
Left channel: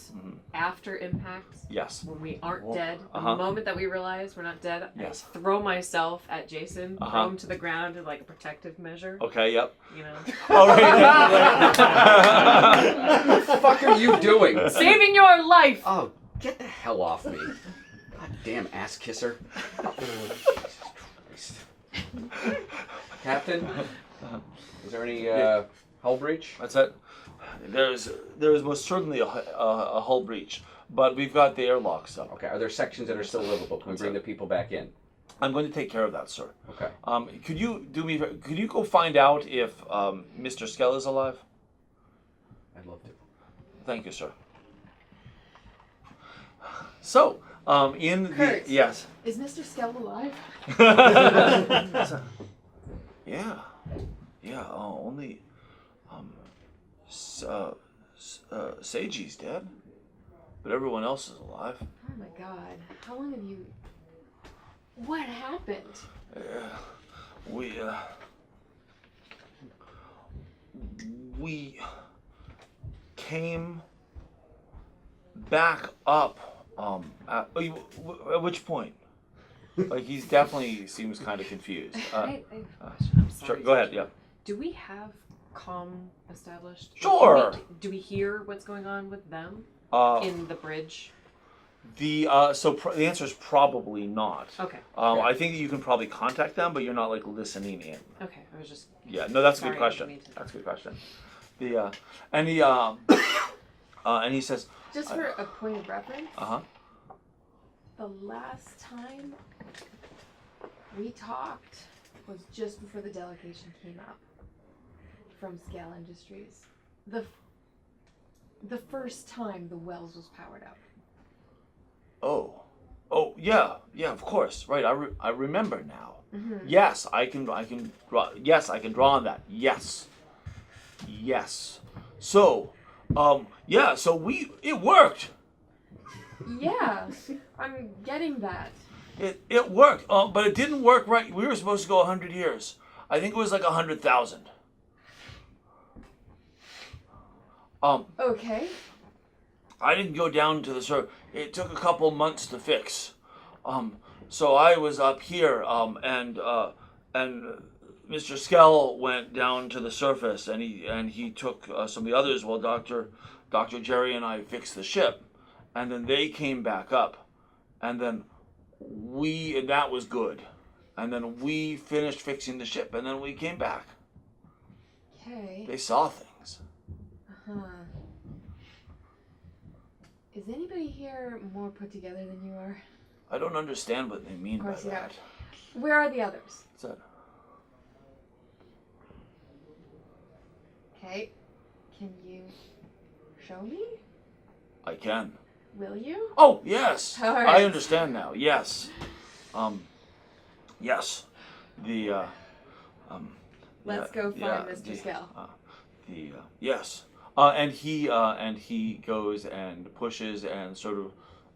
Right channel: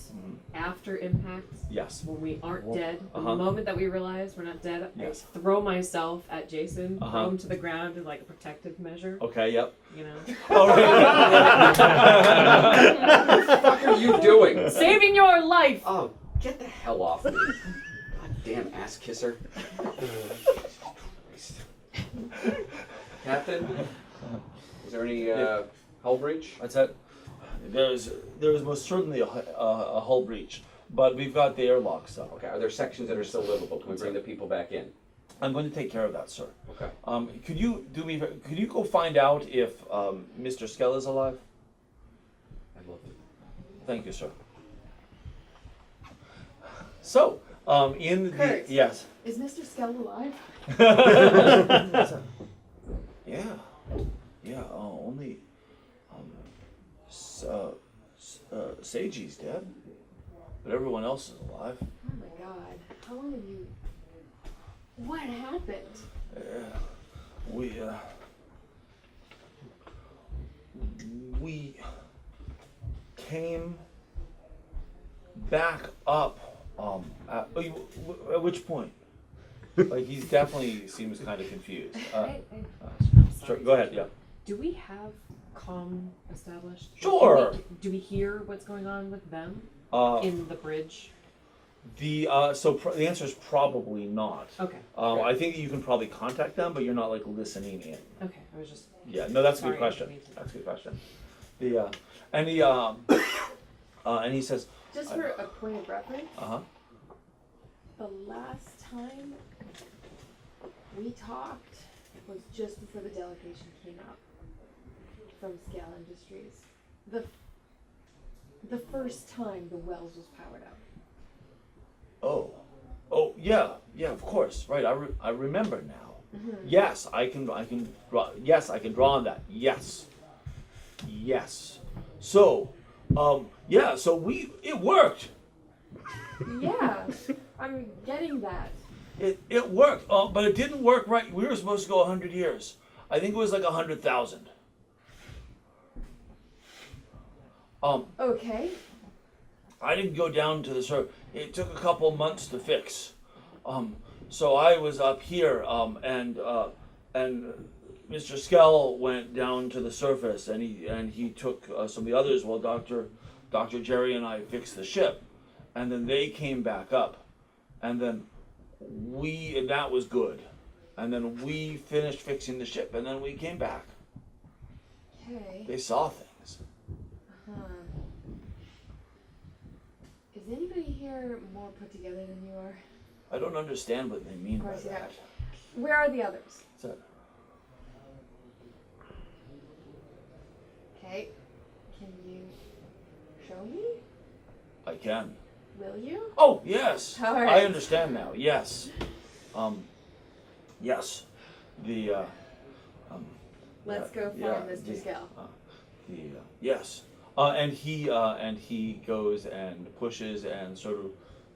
after impact, Yes. when we aren't dead, the Uh-huh. moment that we realize we're not dead, Yes. I throw myself at Jason, Uh-huh. throw him to the ground as like a protective measure. Okay. Yep. You know, Oh, What the fuck are you doing? saving your life. Oh, get the hell off me. God damn ass kisser. Jesus Christ. Captain, is there any hull breach? That's it. There is most certainly a hull breach, but we've got the airlocks up. Okay, are there sections that are still livable? Can we bring the people back in? I'm going to take care of that, sir. Okay. Could you go find out if Mr. Skell is alive? I'd love to. Thank you, sir. So, Kurt. yes. Is Mr. Skell alive? Yeah. Only Seiji's dead, but everyone else is alive. Oh my god. How long have you... What happened? We came back up. At which point? Like he's definitely seems kind of confused. I'm Sure, sorry. go ahead. Yeah. Do we have comm established? Sure. Do we hear what's going on with them in the bridge? The answer is probably not. Okay. I think that you can probably contact them, but you're not like listening in. Okay. I was just. Yeah, no, that's a Sorry, good question. I didn't mean to. That's a good question. And he says, Just for a point of reference, uh-huh. the last time we talked was just before the delegation came up from Scale Industries. The first time the wells was powered up. Oh, yeah, of course, right. I remember now. Yes, I can draw. Yes, I can draw on that. Yes. So, so it worked. Yeah, I'm getting that. It worked, but it didn't work right. We were supposed to go 100 years. I think it was like 100,000. Okay. I didn't go down to the surface. It took a couple months to fix. So I was up here, and Mr. Skell went down to the surface, and he took some of the others while Dr. Jerry and I fixed the ship, and then they came back up, and then that was good, and then we finished fixing the ship, and then we came back. Okay. They saw things. Is anybody here more put together than you are? I don't understand what they mean Of by course you that. don't. Where are the others? What's that? Okay. Can you show me? I can. Will you? Oh, yes. All right. I understand now. Yes. Yes. The Let's go find Mr. Skell. Yes. And he goes and pushes and sort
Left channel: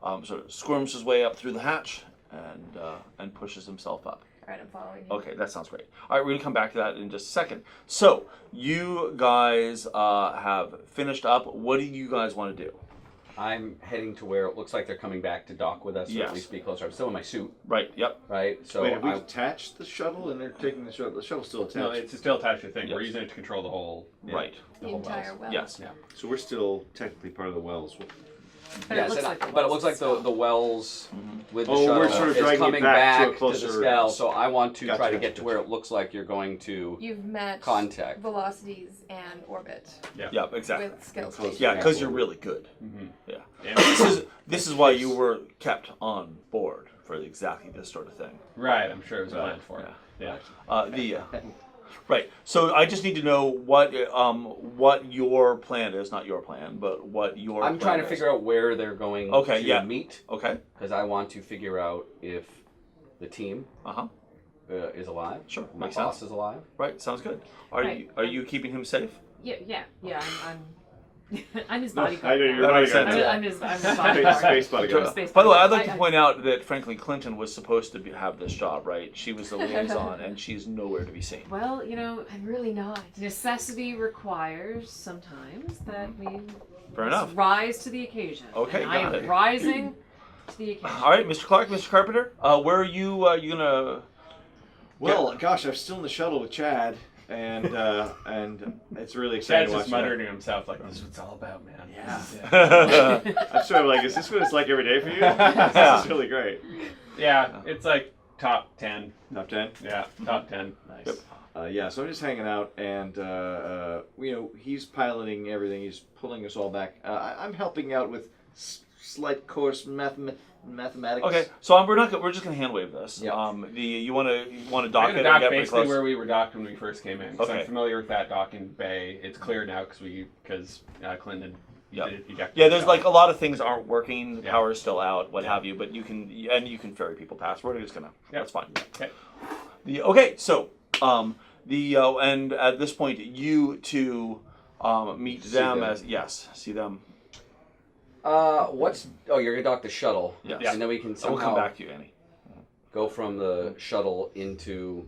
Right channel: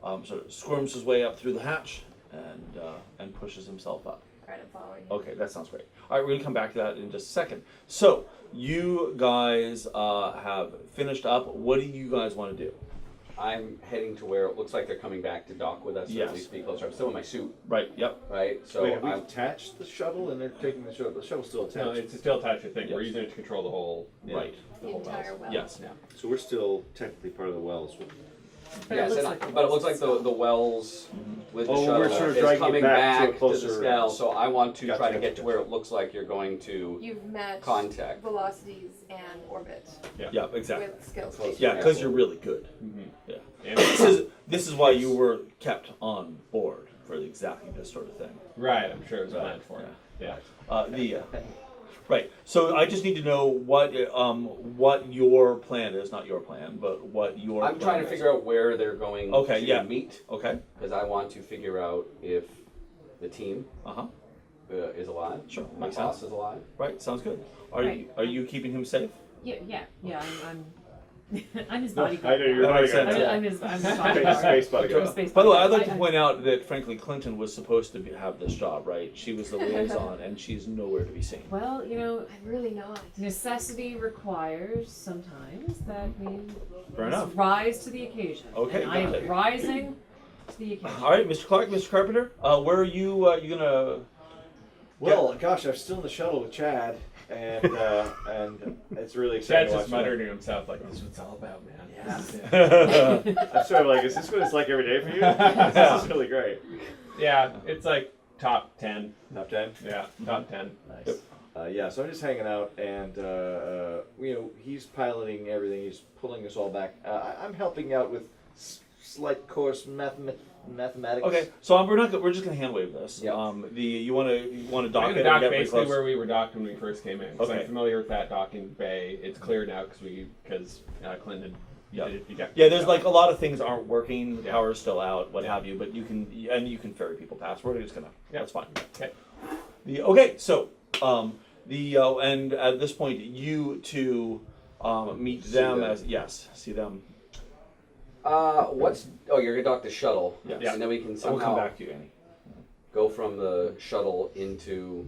of squirms his way up through the hatch and pushes himself up. Alright, I'm following you. Okay, that sounds great. All right, we're gonna come back to that in just a second. So you guys have finished up. What do you guys want to do? I'm heading to where it looks like they're coming back to dock with us, or Yes. at least be closer. I'm still in my suit, Right. Yep. right? So Wait, have we I'm, detached the shuttle and they're taking the shuttle? The shuttle's still attached. No, it's still attached to the thing. We're Yes. using it to control the whole. Right. The whole entire wells. well. Yes. Yeah. So we're still technically part of the wells. But yes, it looks and like but it looks like the wells with the Oh, shuttle we're sort of is dragging it coming back to a back to closer- the scale. So I want to Gotcha, try to gotcha, get to where gotcha. it looks like you're going to You've met contact. velocities and orbit Yeah. Exactly. with skill Close. station. Yeah, because you're really good. Mm-hmm. Yeah. And This is why you were kept on board for exactly this sort of thing. right, I'm sure it was Right, planned for. yeah. Yeah. Right. So I just need to know what your plan is, not your plan, but what your. I'm trying to figure out where they're going Okay, to yeah. meet Okay. because I want to figure out if the team Uh-huh. is alive. Sure, My makes boss sense. is alive. Right. Sounds good. Are Right. you keeping him safe? Yeah. I'm I'm his No, I bodyguard. know now. you're That makes bodyguard. sense. I'm his Space bodyguard. bodyguard. Space By the way, I'd bodyguard. like to point out that frankly Clinton was supposed to have this job, right? She was the liaison, and she's nowhere to be seen. Well, I'm really not. necessity requires sometimes that we Fair Let's enough. rise to the occasion. Okay, And I got am it. rising to the occasion. All right, Mr. Clark, Mr. Carpenter, where are you? You gonna? Well, gosh, I'm still in the shuttle with Chad, and it's really exciting Chad's to just watch muttering to himself like, "This is what it's all about, man." Yeah. I'm sort of like, is this what it's like every day for you? This is really great. Yeah, it's like top 10. Top 10? Yeah, top 10. Nice. Yeah, so I'm just hanging out, and he's piloting everything. He's pulling us all back. I'm helping out with slight course mathematics. Okay, so we're just gonna hand wave this. Yeah. You want to We're dock gonna it dock and get pretty basically close? where we were docked when we first came in. Because Okay. I'm familiar with that docking bay. It's clear now because Clinton. Yeah. You got Yeah, there's like a lot of things aren't working. The Yeah. power's still out, what Yeah. have you. But you can ferry people past. We're just gonna. Yeah. That's fine. Okay. Okay, so and at this point you two meet See them them. as see them. You're gonna dock the shuttle. Yes. And then we can So we'll come somehow back to you, Annie. go from the shuttle into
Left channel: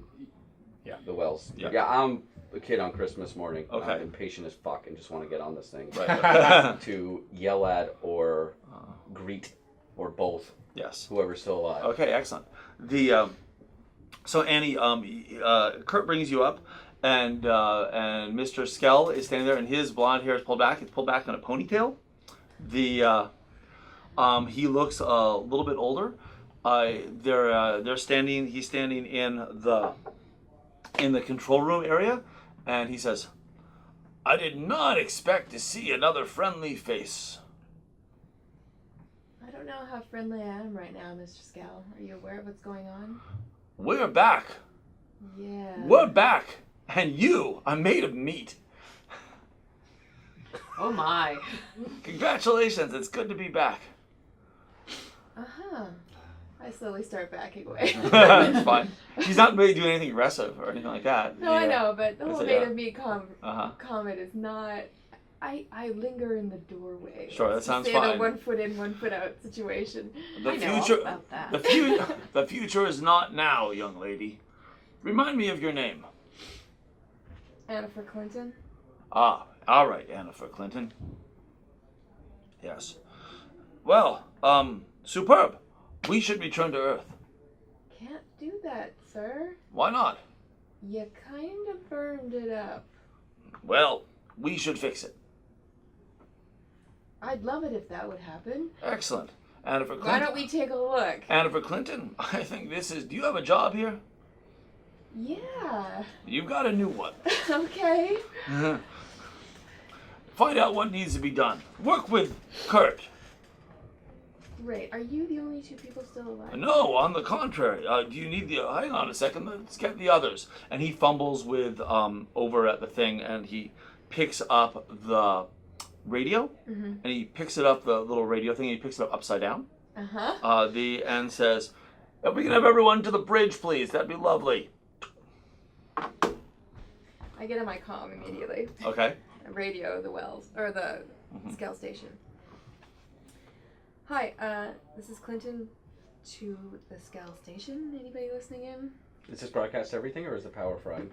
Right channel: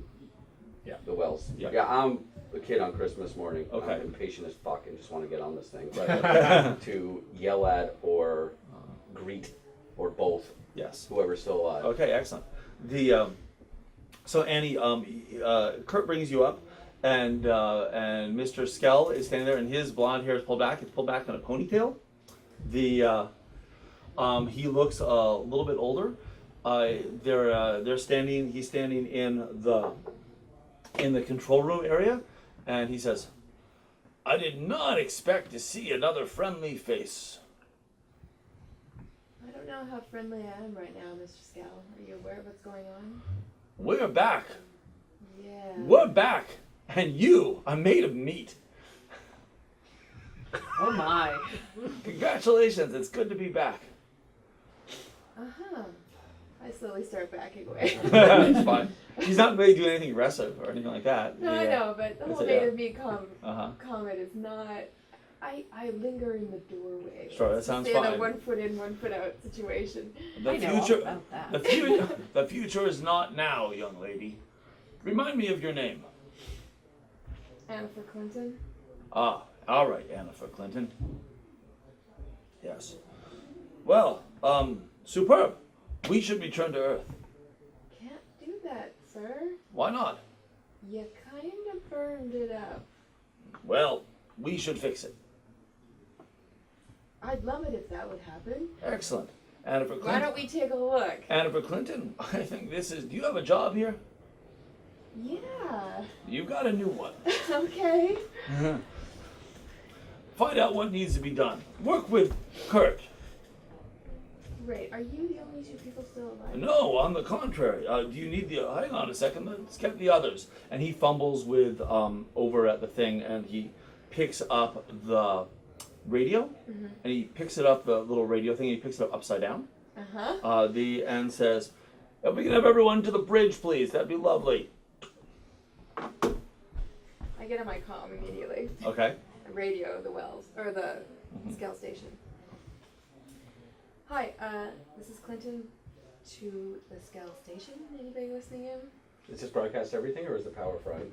the wells. Yeah. Yeah, I'm a kid on Christmas morning. Okay. I'm impatient as fuck and just want to get on this thing. Right. To yell at or greet or both Yes. whoever's still alive. Okay, excellent. So Annie, Kurt brings you up, and Mr. Skell is standing there, and his blonde hair is pulled back. It's pulled back on a ponytail. He looks a little bit older. They're standing. He's standing in the control room area, and he says, "I did not expect to see another friendly face." I don't know how friendly I am right now, Mr. Scal. Are you aware of what's going on? We're back. Yeah. We're back, and you are made of meat. Oh my. Congratulations! It's good to be back. Uh-huh. I slowly start backing away. It's fine. He's not really doing anything aggressive or anything like that. No, I know, but the whole That's- made yeah. of me Uh-huh. comment is not. I linger in the doorway. Sure, that Let's sounds say the fine. 1 foot in, 1 foot out situation. The I know all future, about that. the future is not now, young lady. Remind me of your name. Anna for Clinton. Ah, all right, Anna for Clinton. Yes. Well, superb. We should return to Earth. Can't do that, sir. Why not? You kind of burned it up. Well, we should fix it. I'd love it if that would happen. Excellent. Anna for Clinton. Why don't we take a look? Anna for Clinton, I think this is. Do you have a job here? Yeah. You've got a new one. Okay. Find out what needs to be done. Work with Kurt. Great. Are you the only 2 people still alive? No, on the contrary. Do you need the? Hang on a second. Let's get the others. And he fumbles with over at the thing, and he picks up the radio, and he picks it up the little radio thing. And he picks it up upside down. Uh-huh. And says, "If we can have everyone to the bridge, please. That'd be lovely." I get on my comm immediately. Okay. I radio the wells or the scale station. Hi, this is Clinton to the scale station. Anybody listening in? Is this broadcast everything or is the power fried?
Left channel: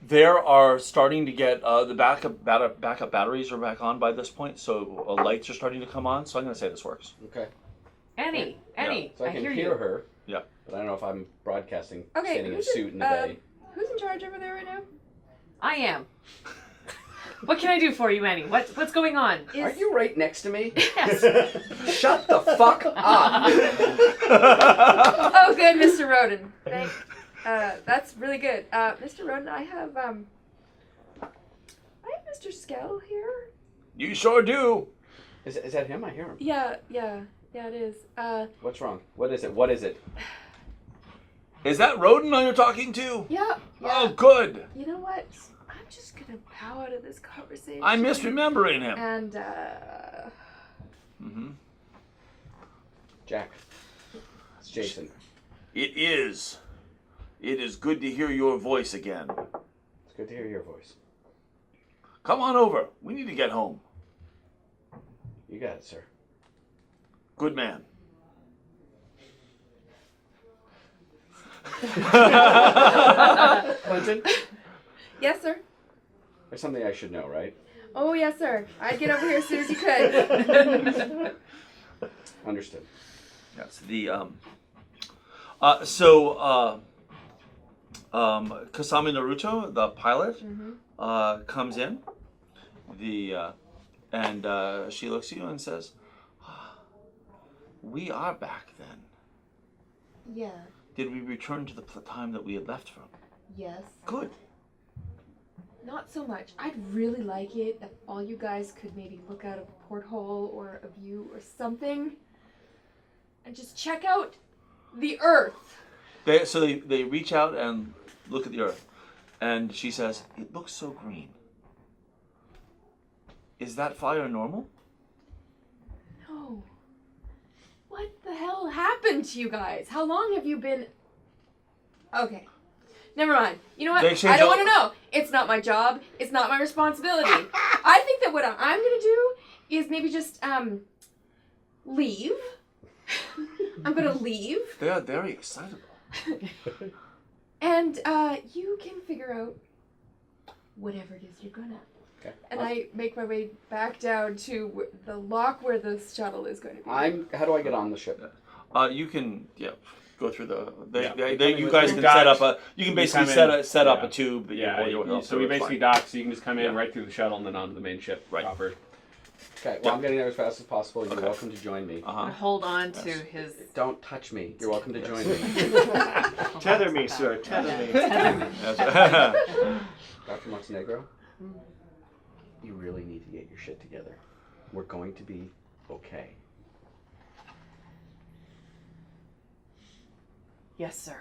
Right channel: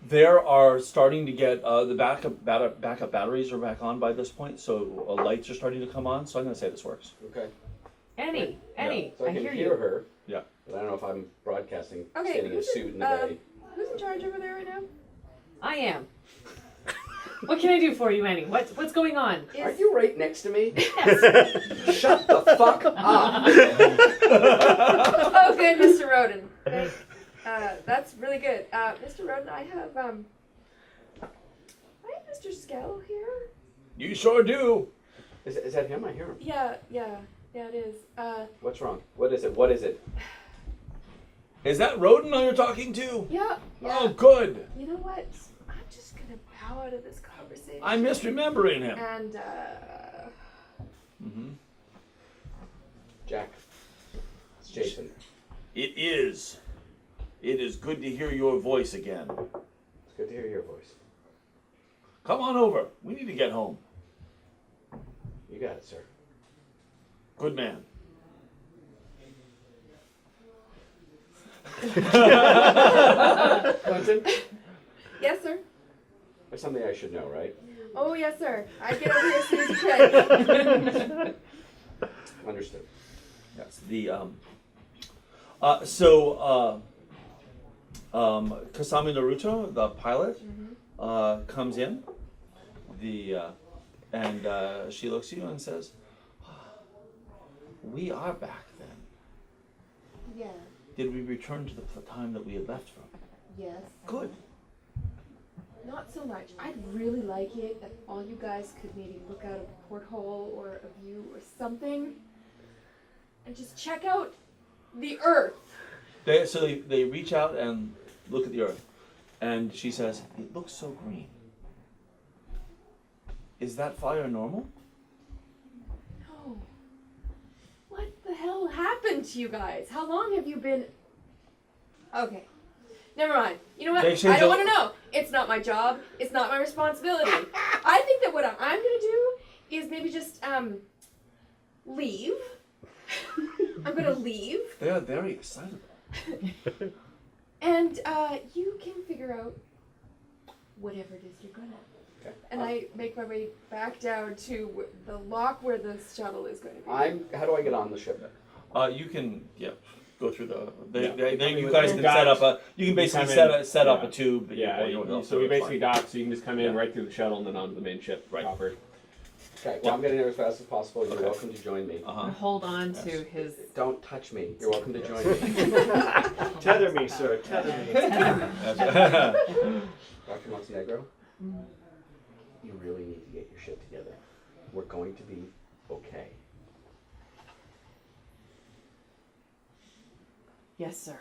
There are starting to get the backup batteries are back on by this point, so lights are starting to come on. So I'm going to say this works. Okay. Annie, So I can hear hear you. her. Yeah. But I don't know if I'm broadcasting Okay, standing in a who's suit in the in- bay. Who's in charge over there right now? I am. What can I do for you, Annie? What's going on? Are you right next to me? Yes. Shut the fuck up! Oh, good, Mr. Roden. That's really good. Mr. Roden, I have Mr. Skell here. You sure do. Is that him? I hear him. Yeah, it is. What's wrong? What is it? What is it? Is that Roden you're talking to? Yeah. Oh, good. You know what? I'm just gonna bow out of this conversation. I'm misremembering him. And Jack. It's Jason. It is. It is good to hear your voice again. It's good to hear your voice. Come on over. We need to get home. You got it, sir. Good man. Clinton, yes, sir. there's something I should know, right? Oh yes, sir. I'd get over here as soon as you could. Understood. Yes. Kasami Naruto, the pilot, comes in. And she looks at you and says, "We are back then. Yeah. Did we return to the time that we had left from?" Yes. Good. Not so much. I'd really like it if all you guys could maybe look out of a porthole or a view or something and just check out the Earth. They reach out and look at the Earth, and she says, "It looks so green. Is that fire normal?" No. What the hell happened to you guys? How long have you been... Okay. Never mind. You know what? They change I don't all- want to know. It's not my job. It's not my responsibility. I think that what I'm going to do is maybe just, leave. I'm going to leave. They are very excitable. And, you can figure out whatever it is you're going to. Okay. And I make my way back down to the lock where the shuttle is going to be. How do I get on the ship? You can go through the. Yeah. You guys can Dock. set up a. You can basically come in, set up yeah. a tube. Yeah, so we basically dock, so you can just come in right through the shuttle and then onto the main ship proper. Okay, well, I'm getting there as fast as possible. You're welcome to join me. Uh-huh. Hold on to his. Don't touch me. You're welcome to join me. Tether me, sir. Tether me. Dr. Montenegro, you really need to get your shit together. We're going to be okay. Yes, sir.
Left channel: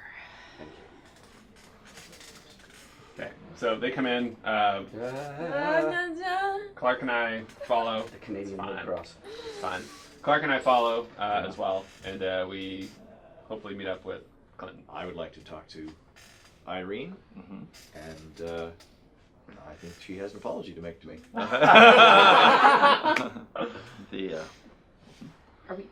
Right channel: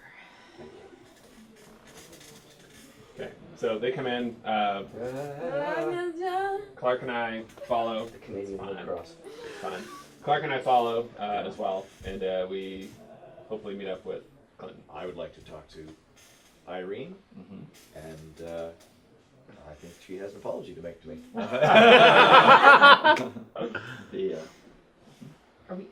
Thank you. Okay, so they come in. Clark and I follow. The Canadian Fine. Red Cross. Fine. Clark and I follow as well, and we hopefully meet up with Clinton. I would like to talk to Irene, and I think she has an apology to make to me. Are we?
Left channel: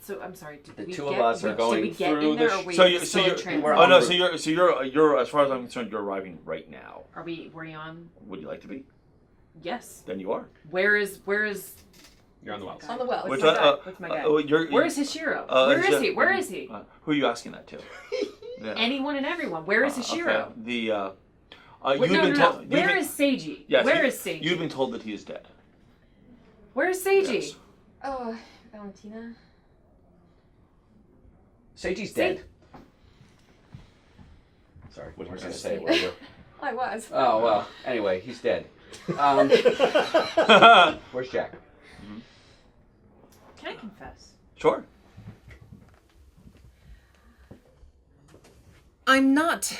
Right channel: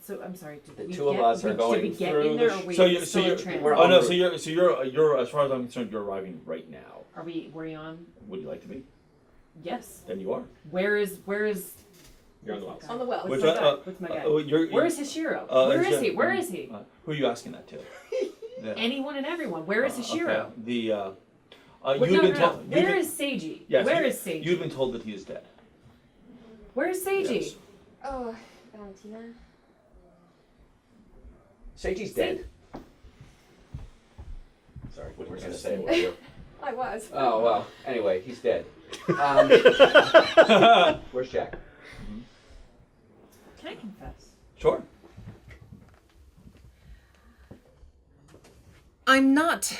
So I'm sorry. Did The we two of get, us are did going we get through in there, the or are we So you, still in you're, transit? we're oh on no, route. so you're as far as I'm concerned, you're arriving right now. Are we? Were you on? Would you like to be? Yes. Then you are. Where is? You're on the wells. On the wells. What's Which my one? guy? What's my guy? You're, Where is Hishiro? Where is he? Where is he? Who are you asking that to? Yeah. Anyone and everyone. Where is Hishiro? Okay. The Wait, you've no, been no, told. no. you've Where been- is Seiji? Yes, Where you- is Seiji? You've been told that he is dead. Where is Seiji? Yes. Oh, Valentina. Seiji's dead. Sorry, what was I going to say? What you? I was. Oh, well, anyway, he's dead. Where's Jack? Can I confess? Sure. I'm not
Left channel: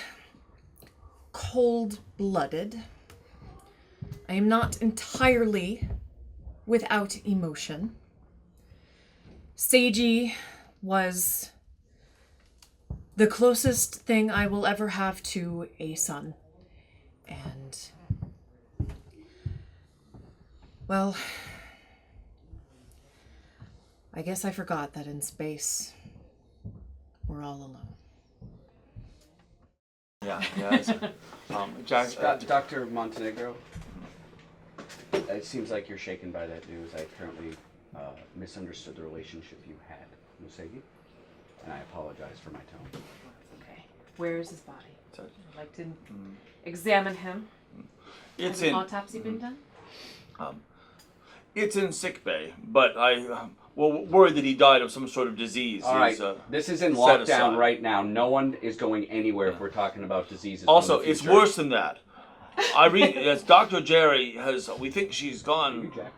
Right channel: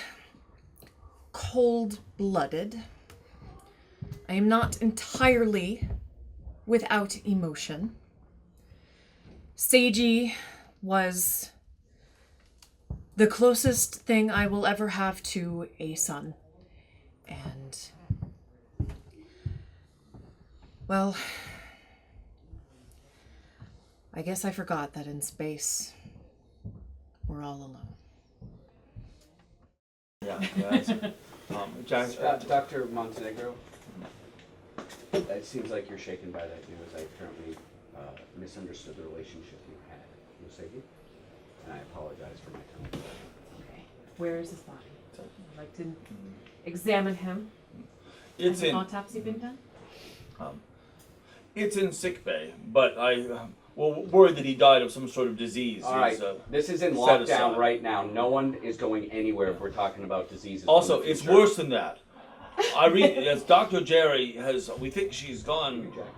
cold-blooded. I am not entirely without emotion. Seiji was the closest thing I will ever have to a son. And, well, I guess I forgot that in space, we're all alone. Yeah. Yes. Jack. Dr. Montenegro, it seems like you're shaken by that news. I apparently misunderstood the relationship you had with Seiji, and I apologize for my tone. Okay. Where is his body? Sorry. I'd like to examine him. It's Has an in. autopsy been done? It's in sick bay, but I worried that he died of some sort of disease. All right, He's, this is in set lockdown aside. right now. No one is going anywhere if we're talking about diseases. from Also, the it's future. worse than that. Irene, yes, Dr. Jerry has. We think she's You gone. Jack, right?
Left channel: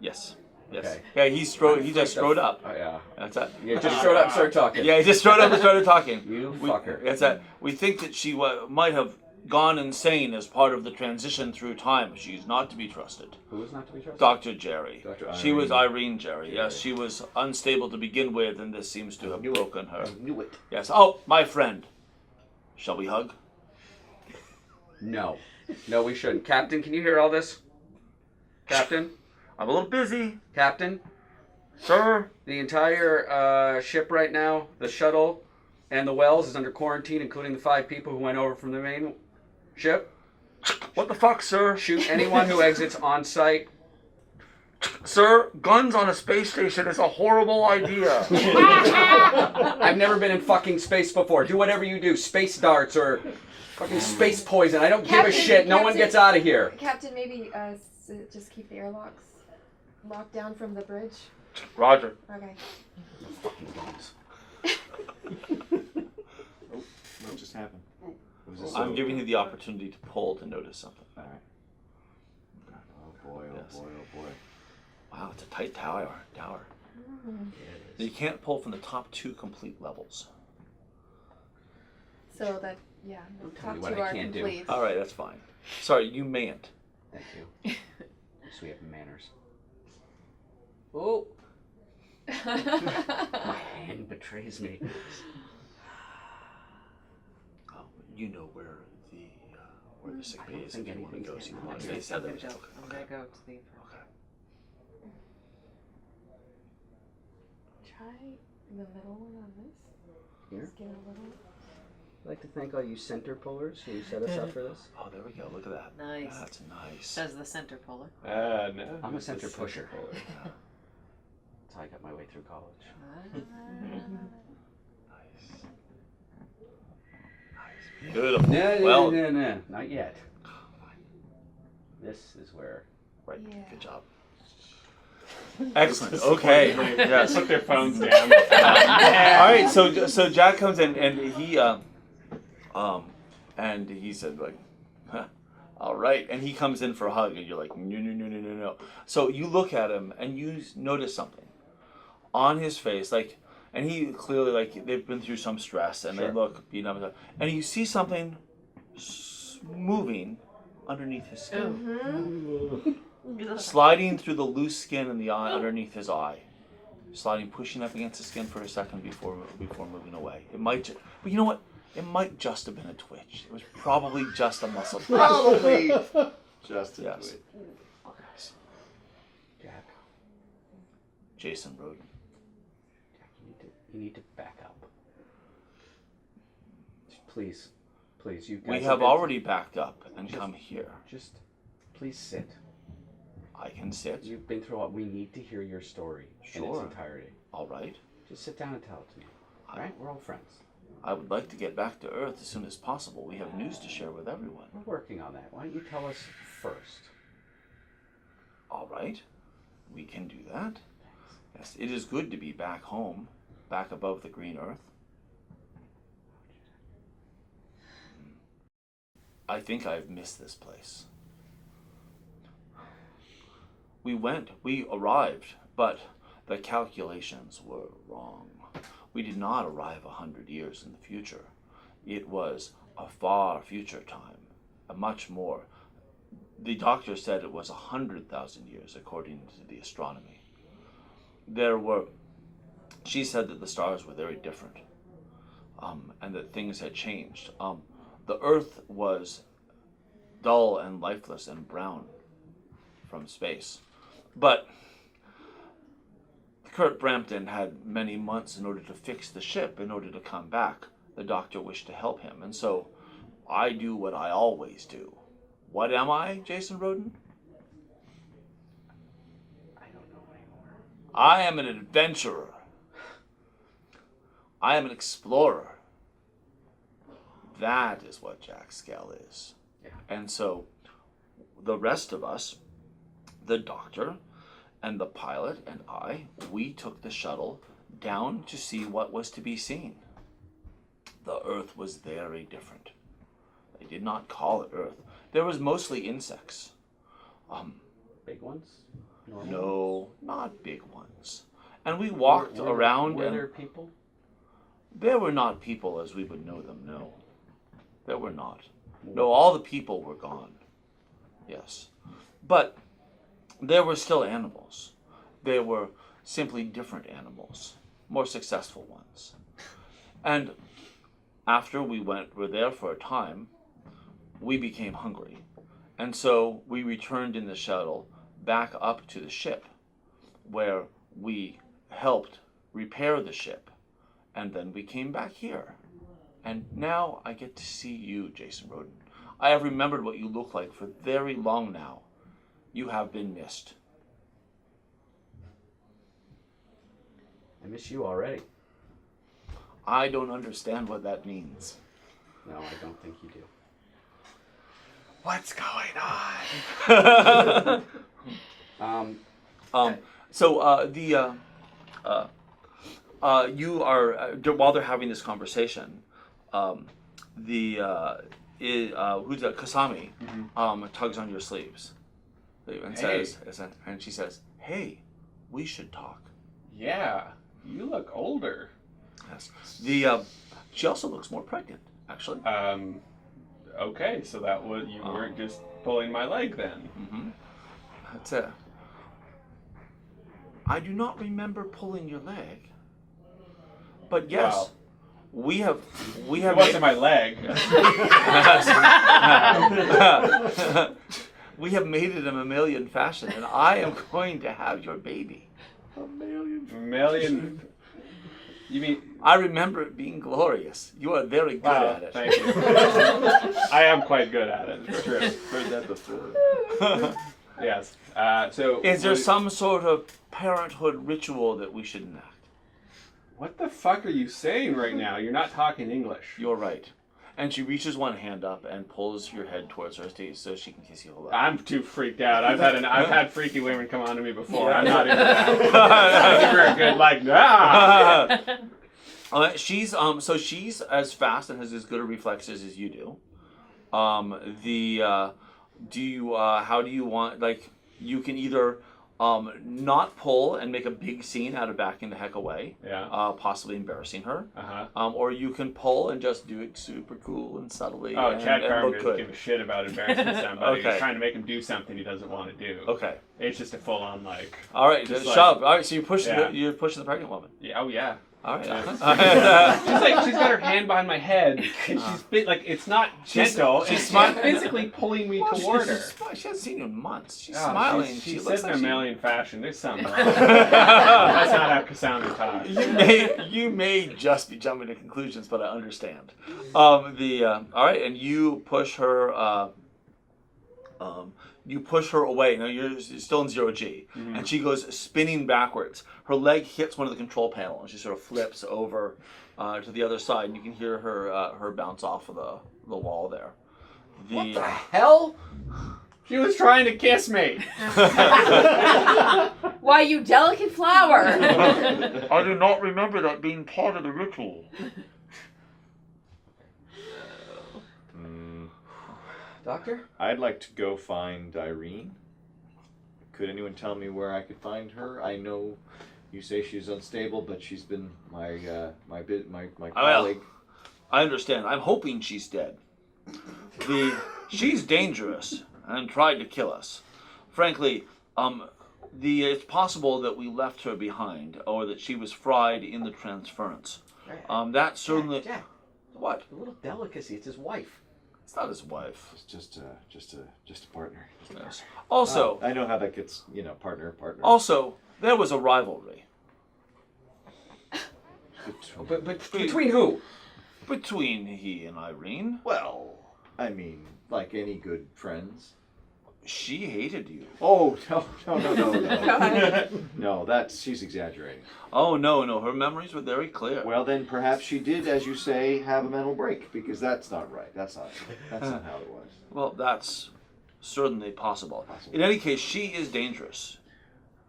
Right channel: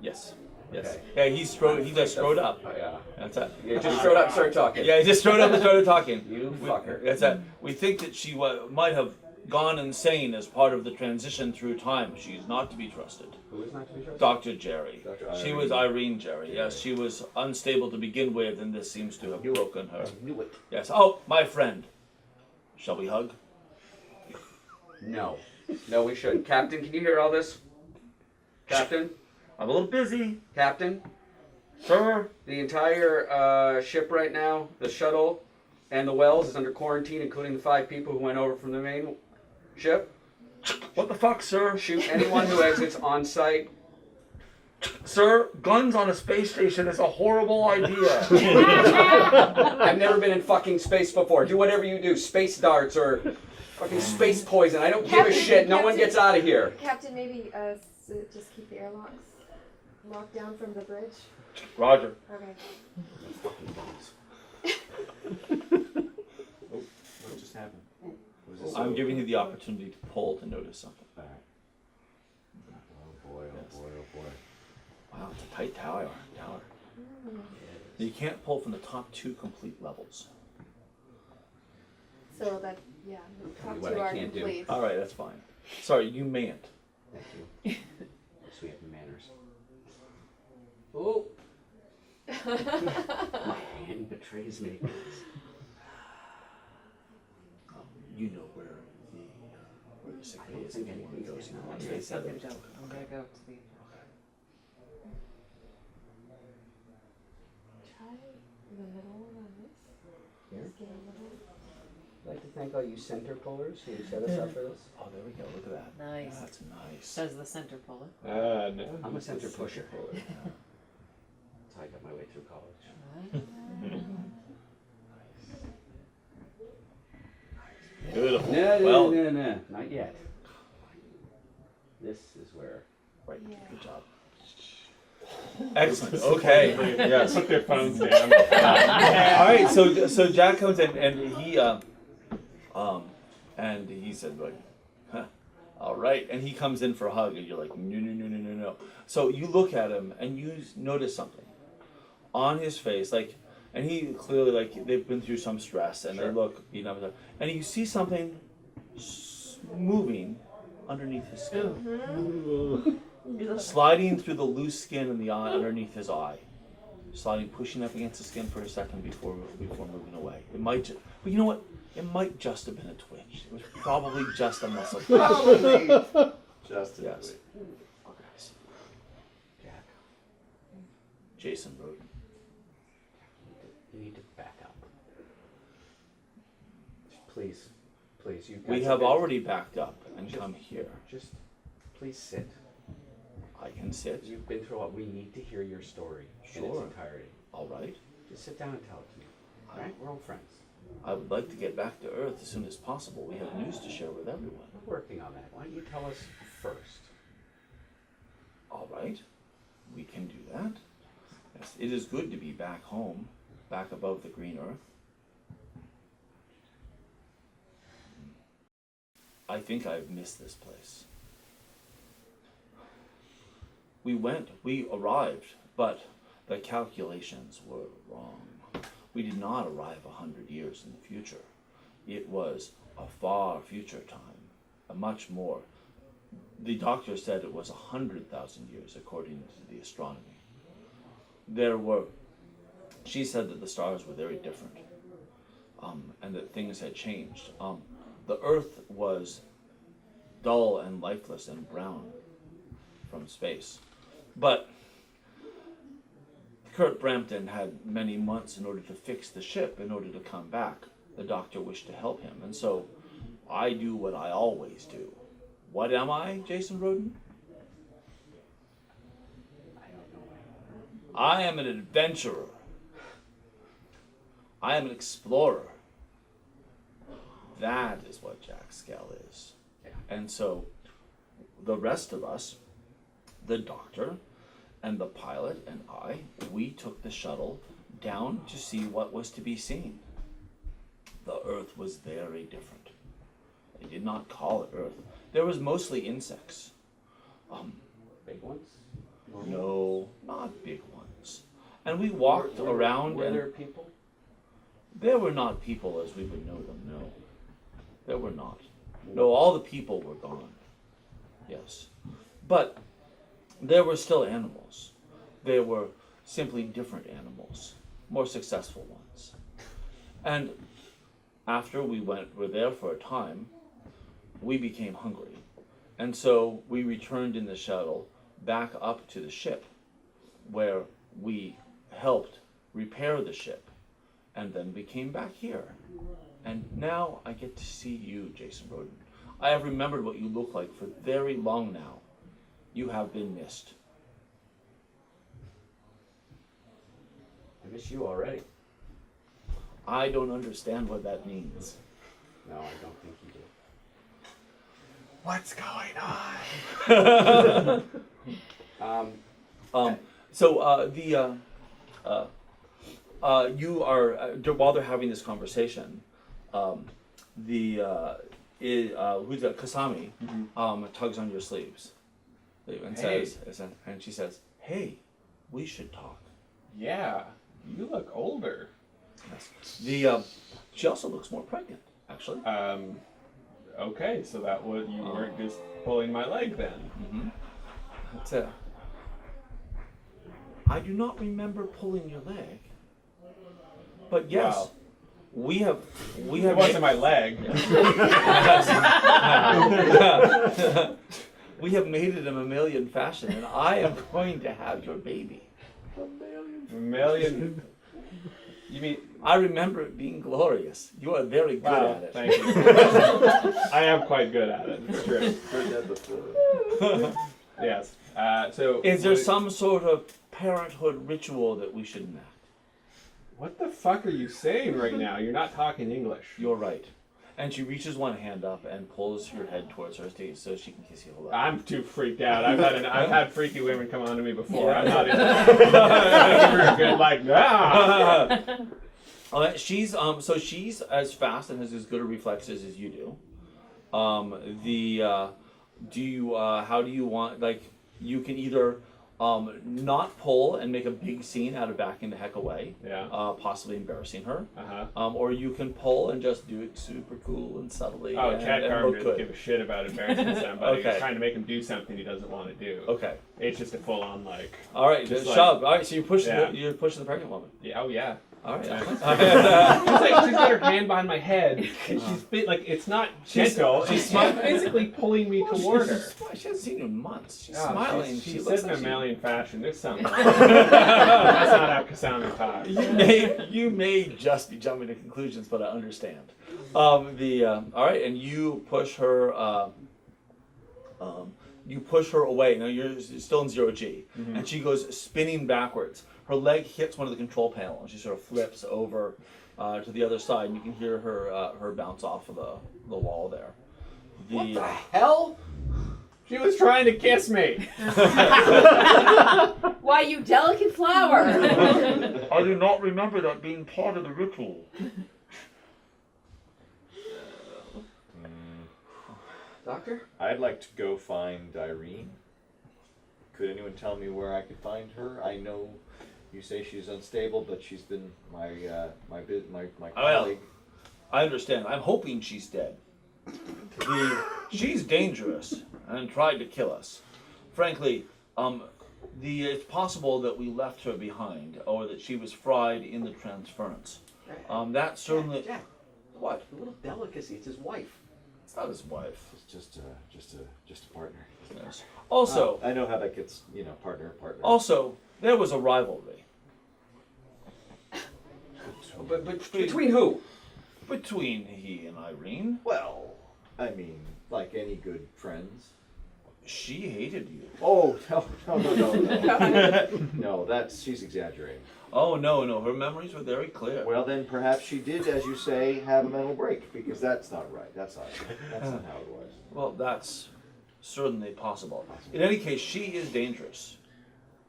Yes. Yes. Okay. Yeah, he just strode up. Oh, yeah. That's it. You just showed up, start talking. Yeah, he just strode up and started talking. You fucker. That's it. We think that she might have gone insane as part of the transition through time. She's not to be trusted. Who is not to be trusted? Dr. Jerry. Dr. She was Irene Jerry. Yes, she was unstable to begin with, and this seems to have broken her. I knew it. Yes. Oh, my friend. Shall we hug? No. No, we shouldn't. Captain, can you hear all this? Captain? I'm a little busy. Captain? Sir? The entire ship right now, the shuttle and the wells, is under quarantine, including the 5 people who went over from the main ship. What the fuck, sir? Shoot anyone who exits on site. Sir, guns on a space station is a horrible idea. I've never been in fucking space before. Do whatever you do. Space darts or fucking space poison. I don't give a Captain, shit. No one Captain. gets out of here. Captain, maybe just keep the airlocks locked down from the bridge. Roger. Okay. No fucking guns. What just happened? I'm giving you the opportunity to pull to notice something. Alright. Oh boy, oh Yes. boy, oh boy. Wow, it's a tight tower. Mm-hmm. Yeah, You can't pull from the top 2 complete levels. So that, yeah, the Tell me top what 2 I are can't do. complete. All right, that's fine. Sorry, you mayn't. Thank you. So we have manners. Oh, my hand betrays me. You know where the sick I bay don't is. think If you want to anything's go, getting so out. they said that was I'm okay. gonna go to the. Try the middle of this. Here? Just get a little. I'd like to thank all you center pullers who set us up for this. Oh, there we go. Look at that. Nice. That's nice. Says the center puller. No. I'm a it's center pusher. puller. Yeah. That's how I got my way through college. Beautiful. No, Well, no, not yet. This is where. right. Yeah. Good job. Excellent. Okay. Yes. Put their phones down. All right. So Jack comes in and he said like, huh, all right, and he comes in for a hug and you're like, no. So you look at him and you notice something on his face, like, and he clearly like they've been through some stress and they Sure. look beat up, and you see something moving underneath his skin. Sliding through the loose skin in the eye underneath his eye, sliding, pushing up against the skin for a second before moving away. It might, but you know what? It might just have been a twitch. It was probably just a muscle twitch. Probably just Yes. Jack, Jason Roden. you need to back up. Please, you guys. We have already backed up and come here. Just, please sit. I can sit. You've been through a lot. We need to hear your story in its Sure. entirety. All right. Just sit down and tell it to me. All right? We're all friends. I would like to get back to Earth as soon as possible. We have news to share with everyone. We're working on that. Why don't you tell us first? All right. We can do that. Yes, it is good to be back home, back above the green Earth. I think I've missed this place. We arrived, but the calculations were wrong. We did not arrive 100 years in the future. It was a far future time, a much more. The doctor said it was 100,000 years according to the astronomy. She said that the stars were very different, and that things had changed. The Earth was dull and lifeless and brown from space. But Kurt Brampton had many months in order to fix the ship, in order to come back. The doctor wished to help him, and so I do what I always do. What am I, Jason Roden? I don't know anymore. I am an adventurer. I am an explorer. That is what Jack Skell is. Yeah. And so the rest of us, the doctor and the pilot and I, we took the shuttle down to see what was to be seen. The Earth was very different. They did not call it Earth. There was mostly insects. Big ones? Normal? No, not big ones. And we walked around Were and there people? there were not people as we would know them, no. There were not. No, all the people were gone. Yes. But there were still animals. They were simply different animals, more successful ones. And after we were there for a time, we became hungry. And so we returned in the shuttle back up to the ship, where we helped repair the ship. And then we came back here. And now I get to see you, Jason Roden. I have remembered what you look like for very long now. You have been missed. I miss you already. I don't understand what that means. No, I don't think you do. What's going on? You are while they're having this conversation, who's that? Kasami, tugs on your sleeves, and says, and she says, "Hey, we should talk." Yeah, you look older. Yes. She also looks more pregnant, actually. Okay, so that was you weren't just pulling my leg then. Mm-hmm. That's it. I do not remember pulling your leg, but yes, Wow. we have. It wasn't my leg. We have made it a mammalian fashion, and I am going to have your baby. Mammalian. You mean? I remember it being glorious. You are very good at it. Thank you. I am quite good at it. It's true. Heard that before. Yes. So. Is there some sort of parenthood ritual that we should enact? What the fuck are you saying right now? You're not talking English. You're right. And she reaches one hand up and pulls your head towards her so she can kiss you a little. I'm too freaked out. I've had freaky women come on to me before. I'm not even that. Good like that. She's as fast and has as good a reflexes as you do. How do you want, like, you can either not pull and make a big scene out of backing the heck away, possibly embarrassing her, or you can pull and just do it super cool and subtly. Oh, Chad Carmen look doesn't good. give a shit about embarrassing somebody. Okay. He's trying to make him do something he doesn't want to do. Okay. It's just a full-on like. All right, just shove. All right, so you're pushing Yeah. you're pushing the pregnant woman. Yeah. Oh yeah. All right. She's got her hand behind my head. And like it's not gentle. She's physically pulling me toward her. She hasn't seen you in months. She's Oh, smiling. She looks said in a like mammalian fashion. There's something wrong. That's not how Kasami talks. You may just be jumping to conclusions, but I understand. All right, and you push her. You push her away. Now you're still in 0G, and she goes spinning backwards. Her leg hits one of the control panels, and she sort of flips over to the other side, and you can hear her bounce off of the wall there. What the hell? She was trying to kiss me. Why, you delicate flower! I do not remember that being part of the ritual. Doctor? I'd like to go find Irene. Could anyone tell me where I could find her? I know you say she's unstable, but she's been my colleague. I understand. I'm hoping she's dead. She's dangerous and tried to kill us. Frankly, it's possible that we left her behind, or that she was fried in the transference. That certainly. Jack, What? a little delicacy. It's his wife. It's not his wife. Just a partner. Yes. Also, I know how that gets. Partner. also, there was a rivalry But between who? between he and Irene. Well, I mean, like any good friends. She hated you. Oh no! No, she's exaggerating. Oh no! Her memories were very clear. Well, then perhaps she did, as you say, have a mental break, because that's not right. That's not how it was. Well, that's certainly possible. In any case, she is dangerous.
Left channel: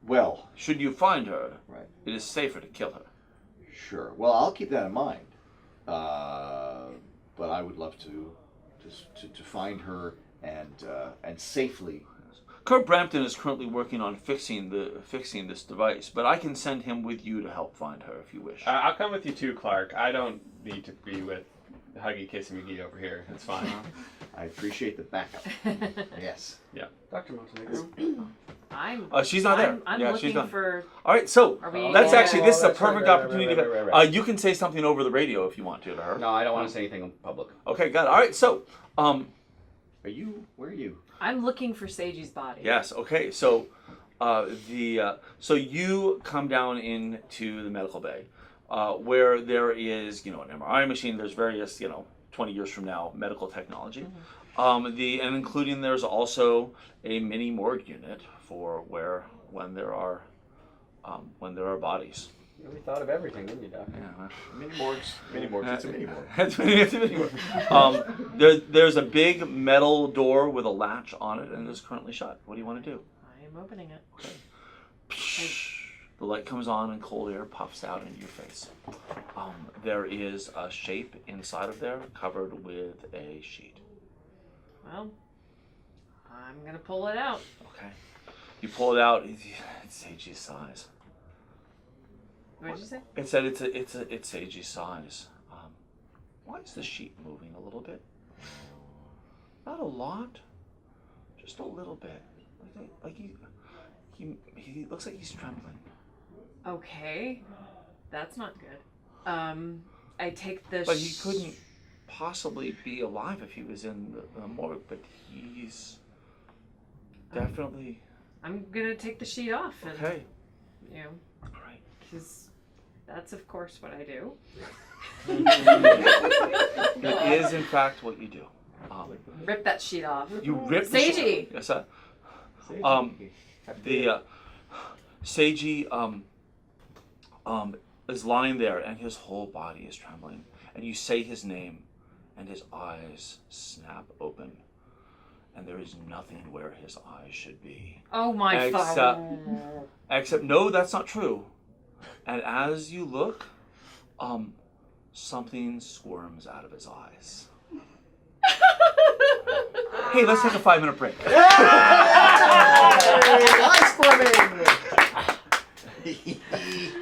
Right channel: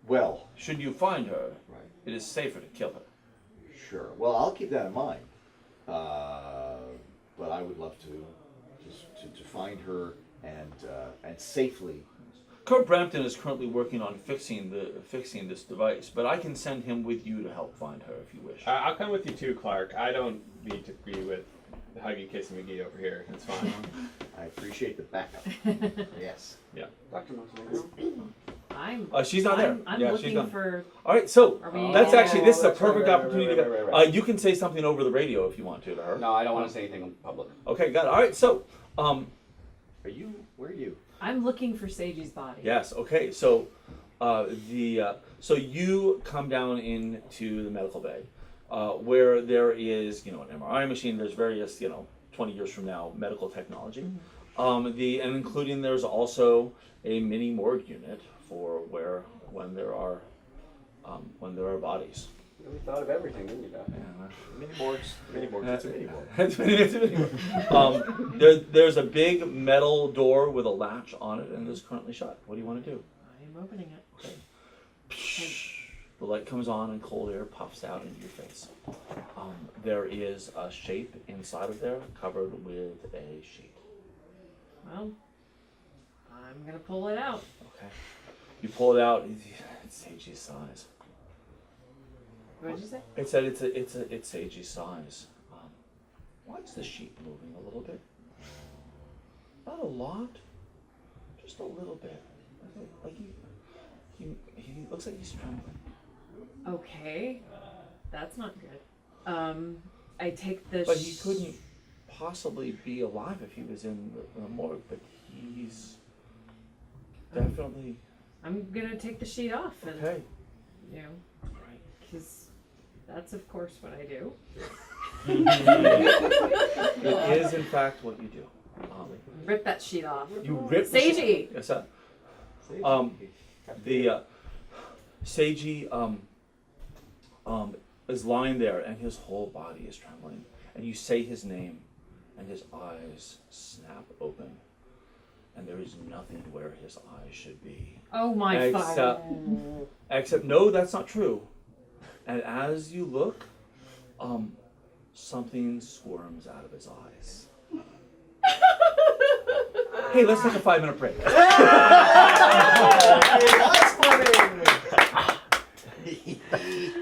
Well, Should you find her, right. it is safer to kill her. Sure. Well, I'll keep that in mind. But I would love to find her and safely. Kurt Brampton is currently working on fixing this device, but I can send him with you to help find her if you wish. I'll come with you too, Clark. I don't need to be with Huggy Kissy McGee over here. It's fine. I appreciate the backup. Yes. Yeah. Dr. Montenegro. She's not there. I'm Yeah, looking she's done. for. All right, so Are we? this is a that's perfect right, opportunity. right. You can say something over the radio if you want to her. No, I don't want to say anything in public. Okay, got it. All right, so Where are you? I'm looking for Sagey's body. yes, okay, so so you come down into the medical bay, where there is an MRI machine. There's various 20 years from now medical technology. And including there's also a mini morgue unit for when there are bodies. Really thought of everything, didn't you, Doc? Yeah, Mini morgues. It's a mini morgue. it's a mini morgue. There's a big metal door with a latch on it, and it is currently shut. What do you want to do? I am opening it. The light comes on and cold air puffs out into your face. There is a shape inside of there covered with a sheet. Well, I'm gonna pull it out. Okay. You pull it out. It's Seiji's size. What did you say? It said it's Seiji's size. Why is the sheet moving a little bit? Not a lot, just a little bit. He looks like he's trembling. Okay, that's not good. I take the. But he couldn't possibly be alive if he was in the morgue. But he's definitely. I'm gonna take the sheet off and Okay. you know, All right. because that's of course what I do. It is in fact what you do. Rip that sheet off. You rip the sheet. Seiji! Yes, sir. Seiji is lying there and his whole body is trembling, and you say his name and his eyes snap open, and there is nothing where his eyes should be. Oh my god. Except no, that's not true. And as you look, something squirms out of his eyes. Hey, let's take a 5-minute break. Eyes for me!